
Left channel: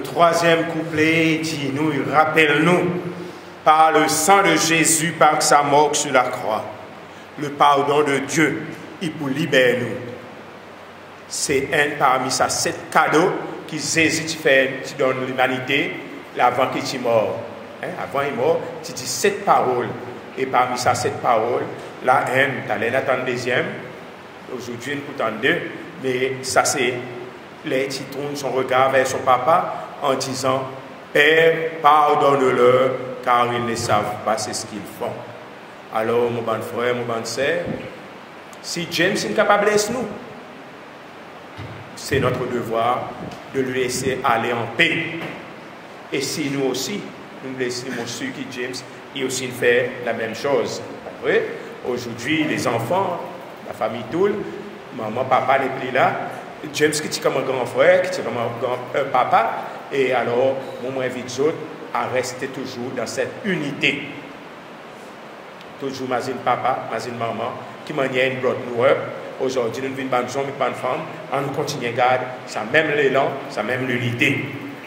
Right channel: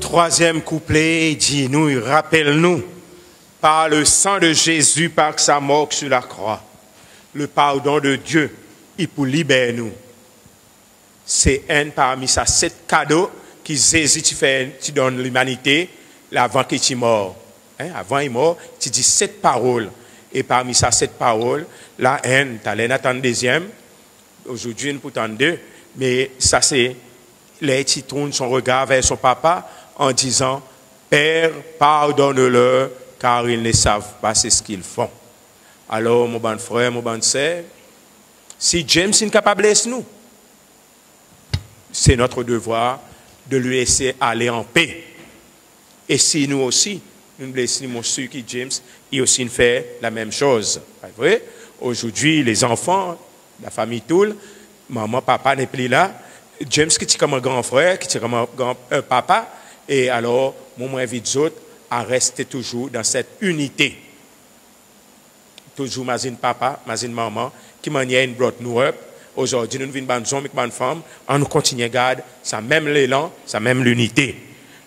Troisième couplet dit, nous, rappelle-nous, par le sang de Jésus, par sa mort sur la croix, le pardon de Dieu, il pour libérer nous. C'est un parmi ça, 7 cadeaux qui Jésus tu donnes l'humanité, avant qu'il soit mort. Avant il est mort, tu dis 7 paroles. Et parmi ça, 7 paroles, la haine, tu allais attendre deuxième, aujourd'hui, nous écoutons 2, mais ça c'est, les qui tourne son regard vers son papa, en disant, Père, pardonne-leur, car ils ne savent pas ce qu'ils font. Alors, mon bon frère, mon bon sœur, si James est capable de laisser nous, c'est notre devoir de le laisser aller en paix. Et si nous aussi, nous laissons ceux qui James, il aussi fait la même chose. Après, aujourd'hui, les enfants, la famille Toul, maman, papa n'est plus là, James qui est comme un grand frère, qui est comme un papa, et alors, on invite les autres à rester toujours dans cette unité. Toujours, imagine papa, imagine maman, qui maniait une brotte noire. Aujourd'hui, nous vivons dans une bonne femme, on nous continue à garder ça même l'élan, ça même l'unité.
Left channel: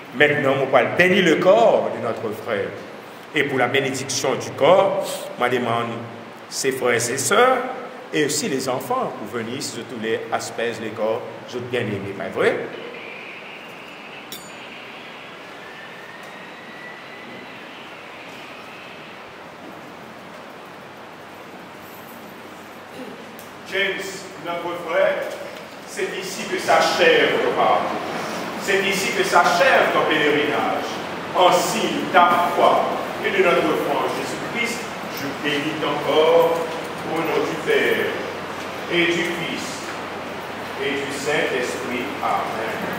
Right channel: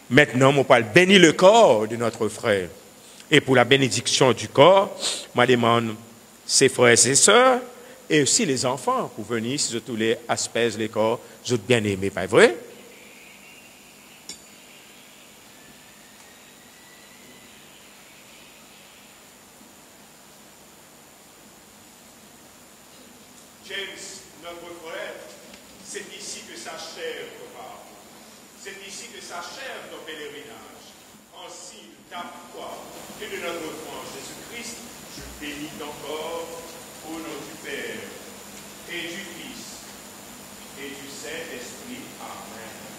Maintenant, on va bénir le corps de notre frère. Et pour la bénédiction du corps, je demande ses frères et ses sœurs, et aussi les enfants, pour venir sur tous les aspects des corps, je bien aimé, pas vrai? James, notre frère, c'est ici que s'achève le pardon. C'est ici que s'achève ton pèlerinage. En signe ta foi et de notre foi en Jésus-Christ, je bénis ton corps au nom du Père et du Fils et du Saint-Esprit. Amen.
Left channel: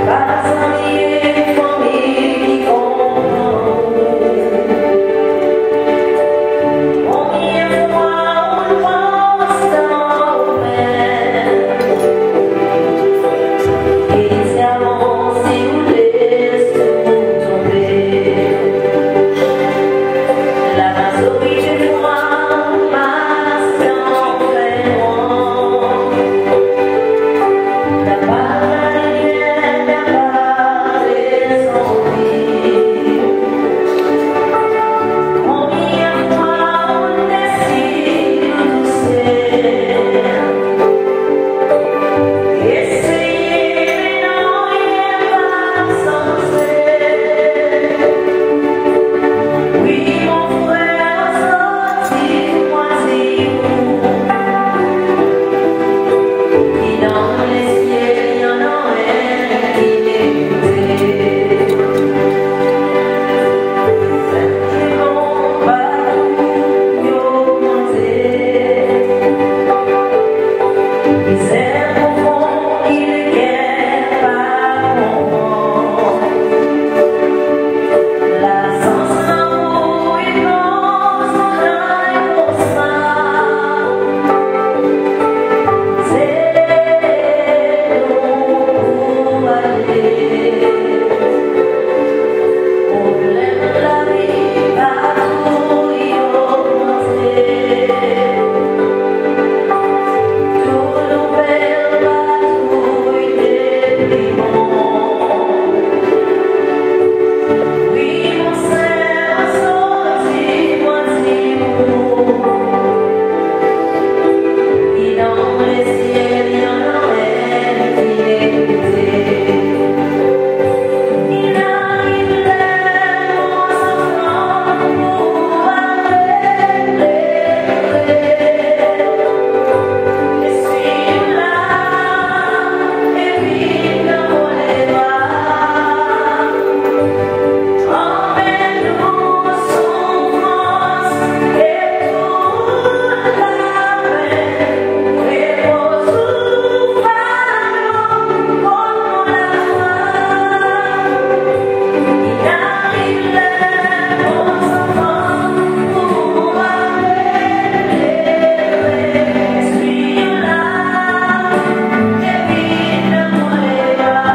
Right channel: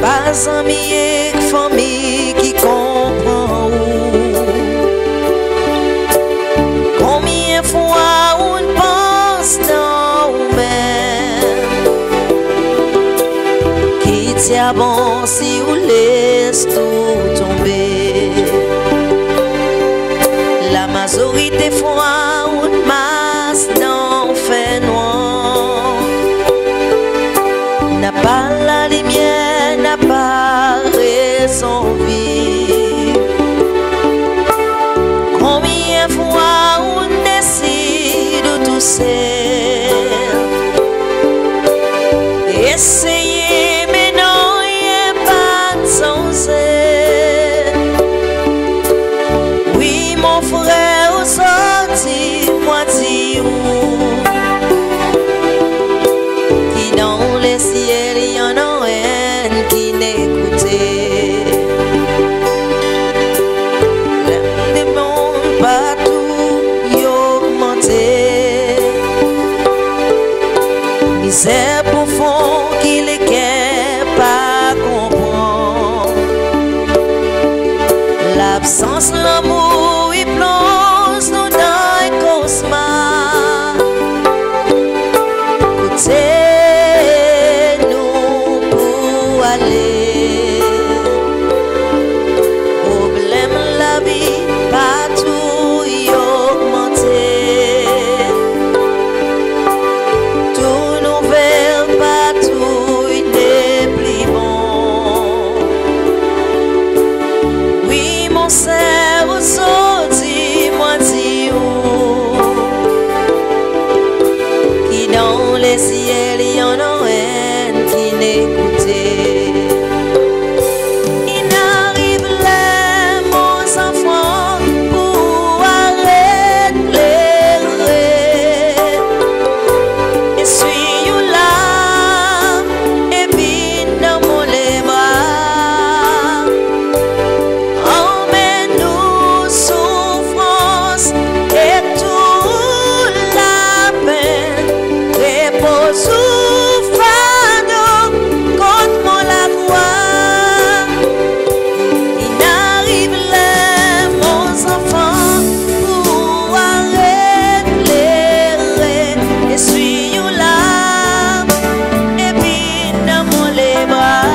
Pas ami et famille qui comprend combien fois on pense dans nous-mêmes qui t'y avance ou laisse tout tomber. La majorité fois on masse dans fait noir n'a pas la lumière, n'a pas raison vivre. Combien de fois on décide de tousser, essayer mais non, il n'est pas sans aide. Oui mon frère, sorti, moi dis-moi qui dans les ciels il y en a un qui n'écoutait. L'âme des mondes partout y augmentait. Misère profonde qui les quer pas comprendre. L'absence de l'amour y plonge nous dans un cauchemar. Écoutez-nous pour aller. Problème la vie partout y augmenté. Tout nouvelle partout y déprimant. Oui mon cerveau sorti moi dis qui dans les ciels il y en a un qui n'écoutait. Il n'arrive les mon enfants pour arrêter. Et suis là et puis dans les bras. Emmène-nous souffrance et toute la peine. Dépose au fardeau contre mon amour. Il arrive les mon enfants pour arrêter. Et suis là et puis dans les bras.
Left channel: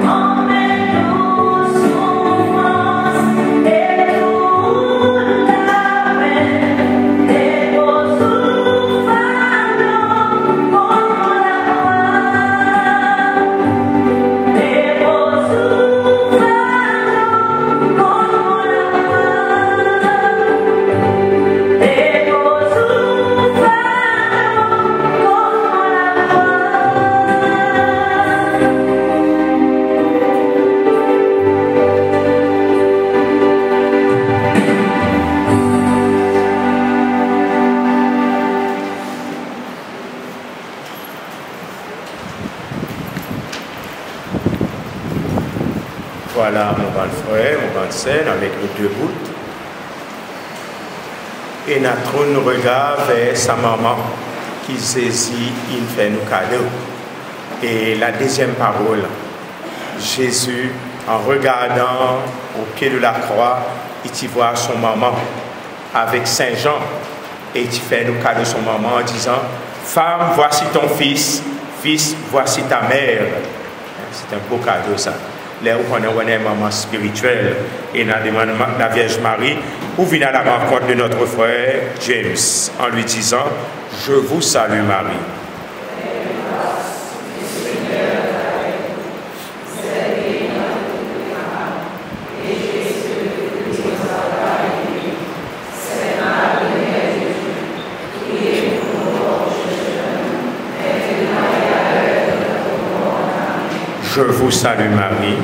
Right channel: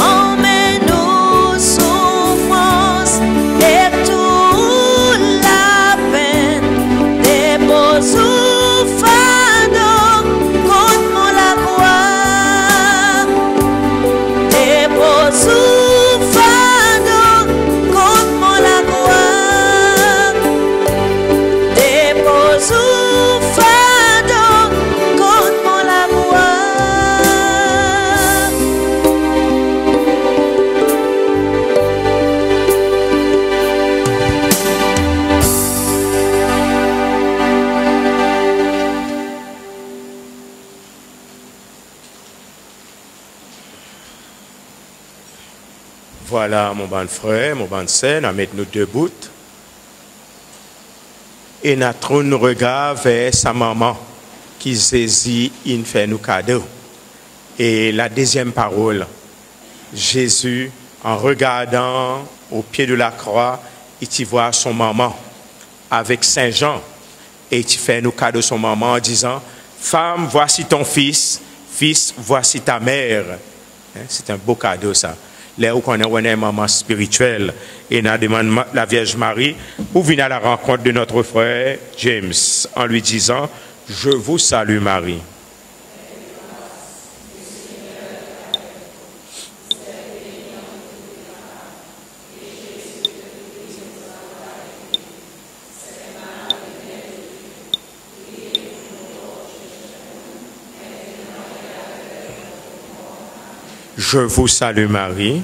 Emmène-nous souffrance et toute la peine. Dépose au fardeau contre mon amour. Dépose au fardeau contre mon amour. Dépose au fardeau contre mon amour. Voilà mon grand frère, mon grand sœur, avec nos deux bouts. Et notre regard vers sa maman qui saisit, il fait nous cadeau. Et la deuxième parole, Jésus, en regardant au pied de la croix, il voit son maman avec Saint Jean. Et il fait nous cadeau son maman en disant, femme, voici ton fils, fils, voici ta mère. C'est un beau cadeau ça. Là où on a une maman spirituelle et on demande la Vierge Marie pour venir à la rencontre de notre frère James en lui disant je vous salue Marie. Je vous salue Marie.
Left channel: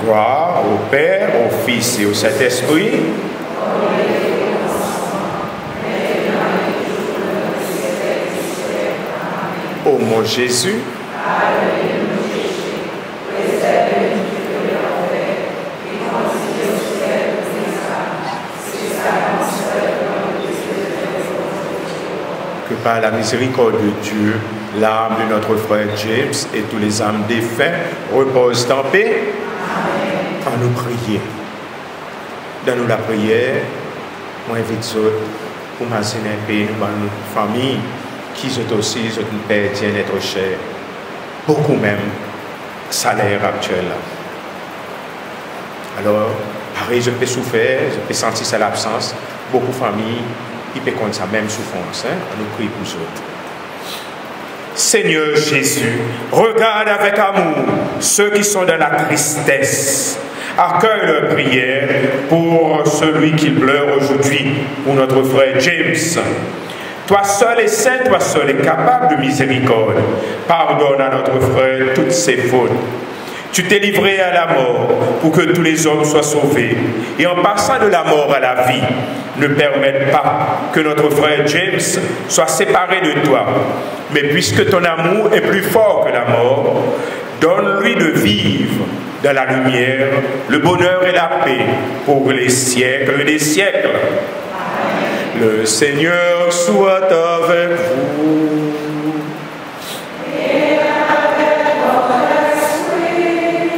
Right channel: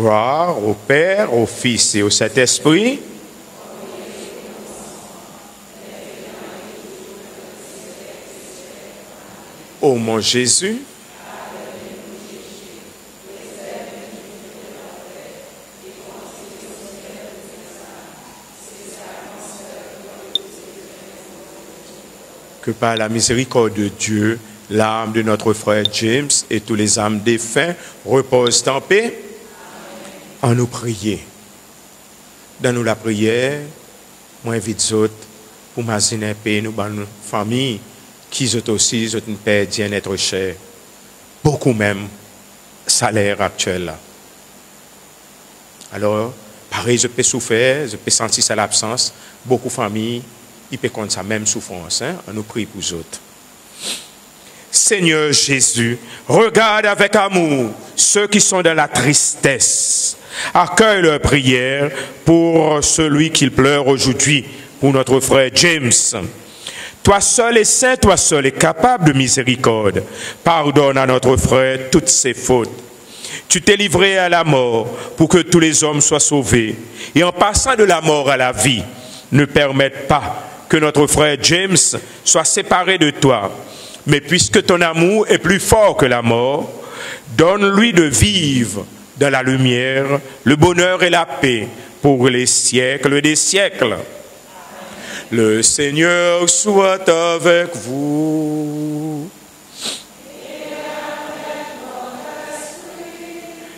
Gloire au Père, au Fils et au Saint-Esprit. mon Jésus. Que par la miséricorde de Dieu, l'âme de notre frère James et tous les âmes défunts reposent en paix. En nous prier. Dans nous la prière, moi invite autres pour m'assurer un pays, nous, dans nos familles, qui sont aussi une paix, bien-être cher. Beaucoup même, salaire actuel. Alors, pareil, je peux souffrir, je peux sentir ça l'absence. Beaucoup de familles, ils peuvent connaître sa même souffrance. Hein? On nous prie pour eux autres. Seigneur Jésus, regarde avec amour ceux qui sont dans la tristesse. Accueille leur prière pour celui qui pleure aujourd'hui, pour notre frère James. Toi seul est saint, toi seul est capable de miséricorde. Pardonne à notre frère toutes ses fautes. Tu t'es livré à la mort pour que tous les hommes soient sauvés. Et en passant de la mort à la vie, ne permette pas que notre frère James soit séparé de toi. Mais puisque ton amour est plus fort que la mort, donne-lui de vivre dans la lumière, le bonheur et la paix pour les siècles des siècles. Amen. Le Seigneur soit avec vous. Et avec votre esprit.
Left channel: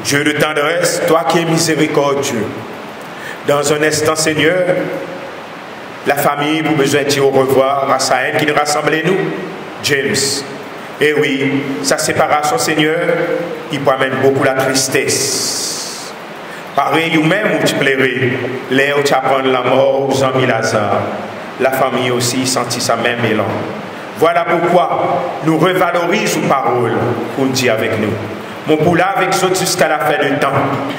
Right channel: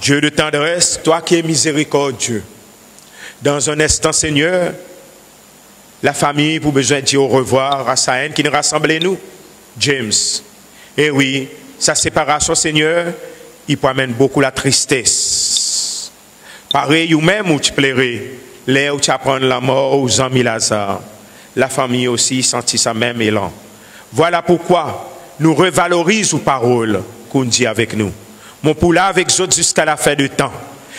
Dieu de tendresse, toi qui es miséricordieux. Dans un instant, Seigneur, la famille pour besoin de dire au revoir à Saïn qui les rassemblait nous, James. Et oui, sa séparation, Seigneur, il peut amener beaucoup la tristesse. Pareil, ou même où tu plairais, là où tu apprends la mort aux amis Lazare, la famille aussi sentit sa même élan. Voilà pourquoi nous revalorisons paroles qu'on dit avec nous. Mon poula avec eux jusqu'à la fin du temps.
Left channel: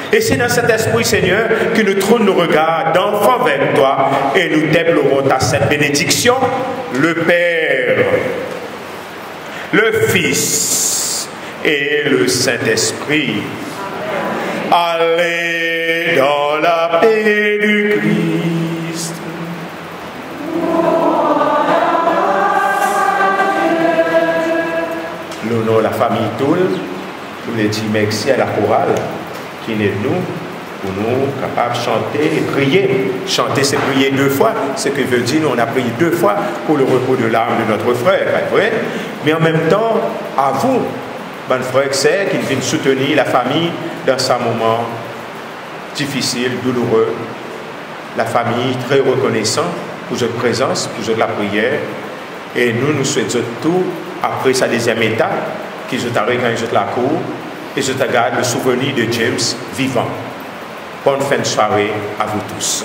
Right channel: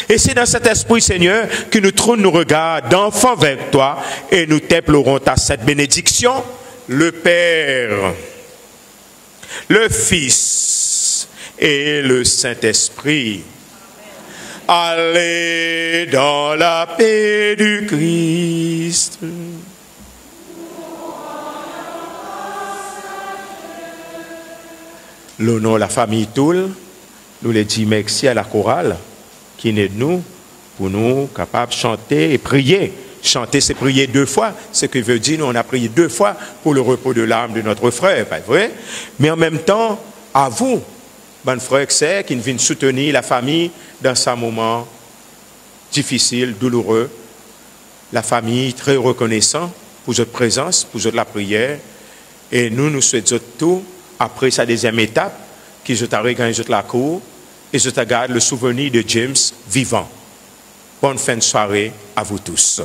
Et c'est dans cet esprit, Seigneur, que nous trouvons nos regards d'enfants vers toi et nous t'implorons ta sainte bénédiction, le Père, le Fils et le Saint-Esprit. Allez dans la paix du Christ. L'honneur de la famille Toul, nous les disons merci à la chorale qui est de nous, pour nous capables de chanter et prier. Chanter, c'est prier 2 fois, ce que veut dire on a prié 2 fois pour le repos de l'âme de notre frère, pas vrai? Mais en même temps, à vous, mon frère, c'est qu'il vient soutenir la famille dans ce moment difficile, douloureux. La famille très reconnaissante pour votre présence, pour la prière. Et nous, nous souhaitons tout après sa deuxième étape, qui je t'arrive quand la cour, et je t'agarde le souvenir de James vivant. Bonne fin de soirée à vous tous.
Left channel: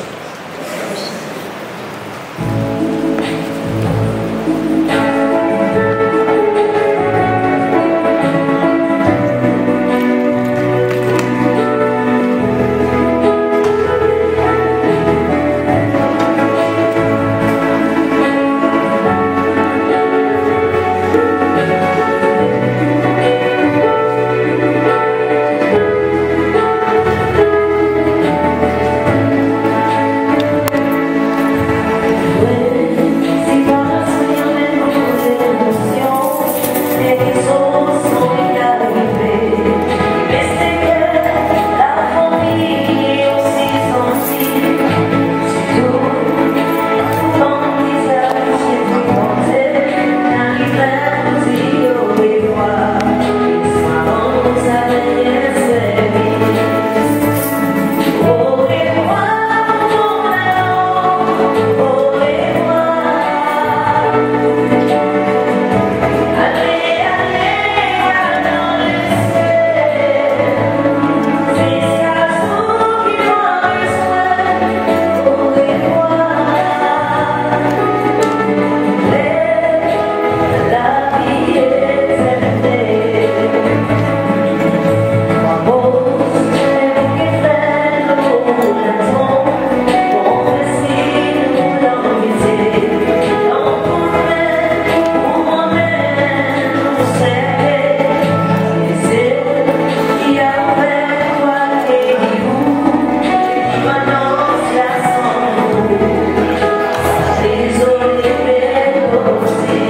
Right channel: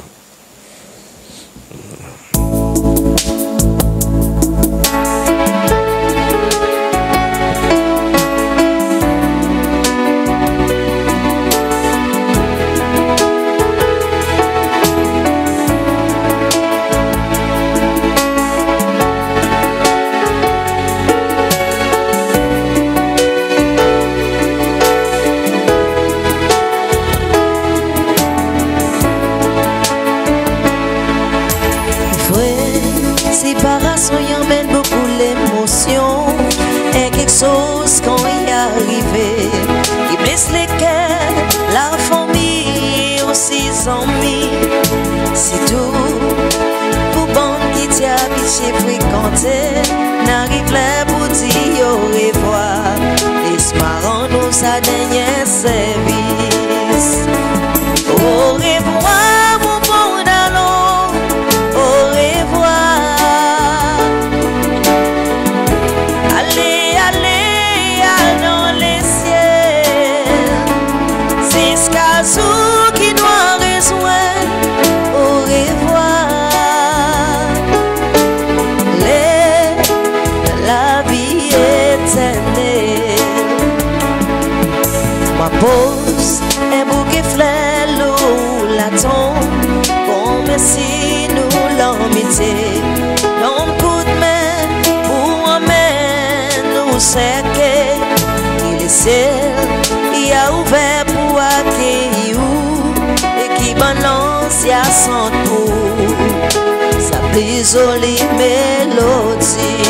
Désolé mélodie.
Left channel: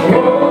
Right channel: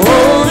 Oh,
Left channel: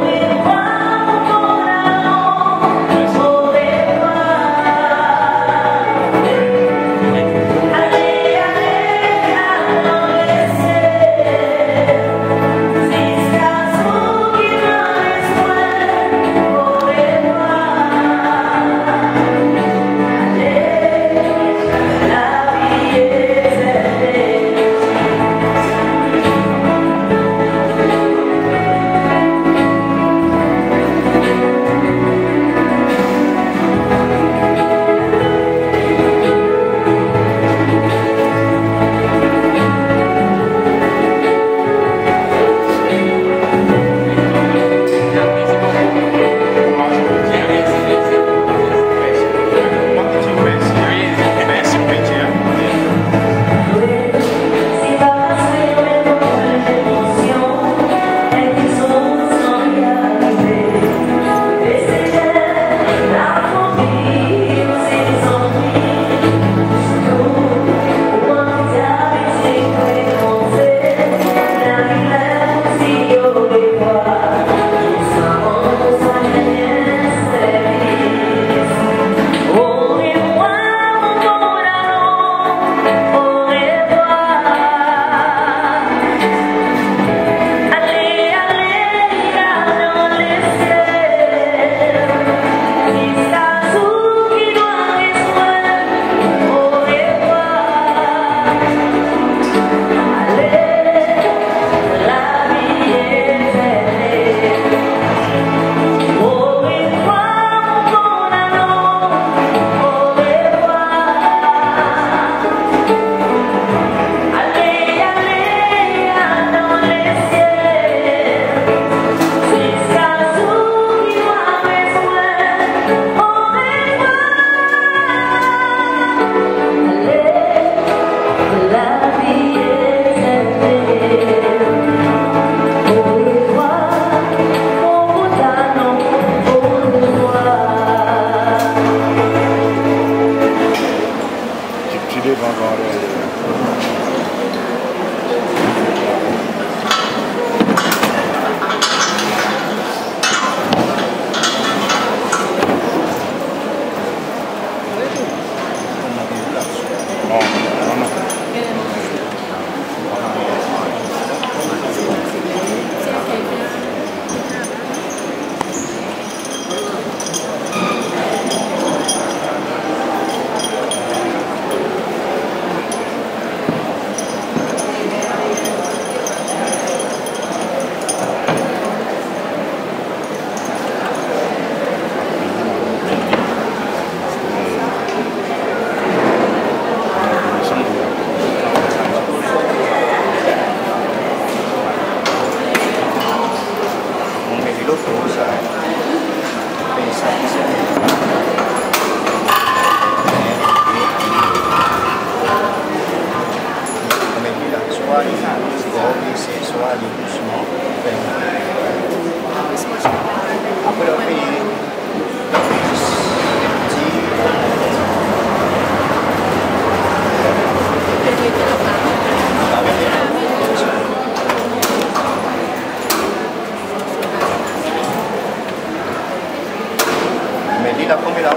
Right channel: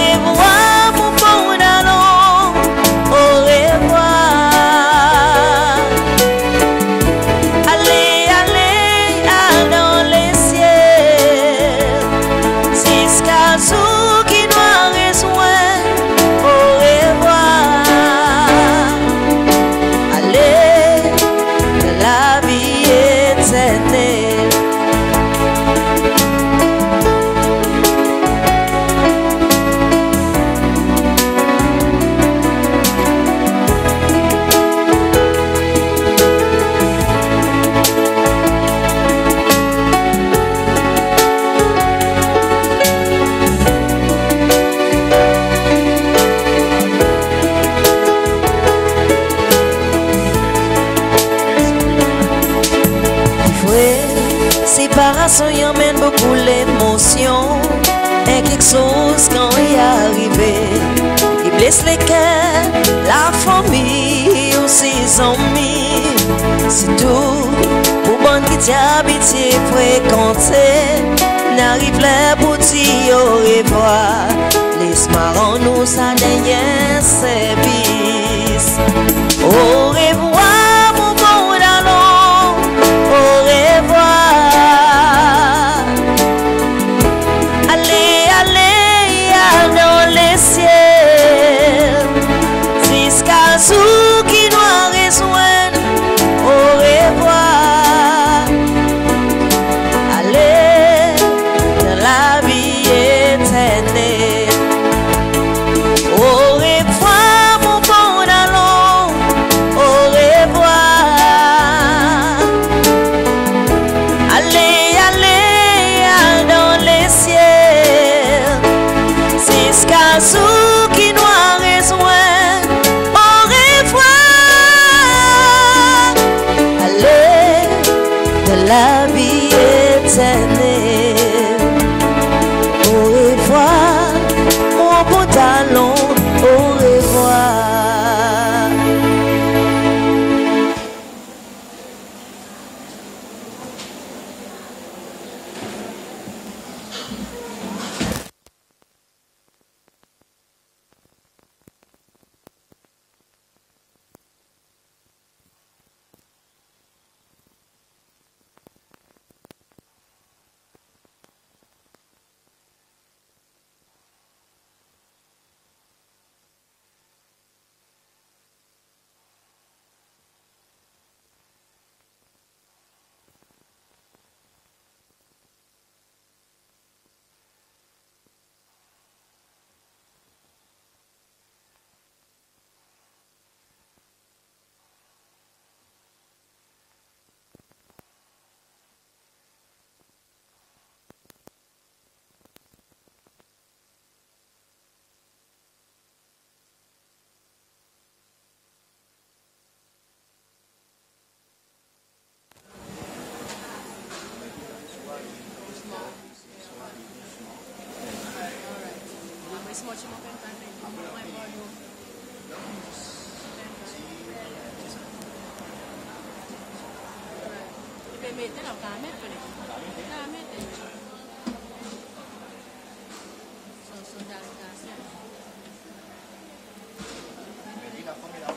la première,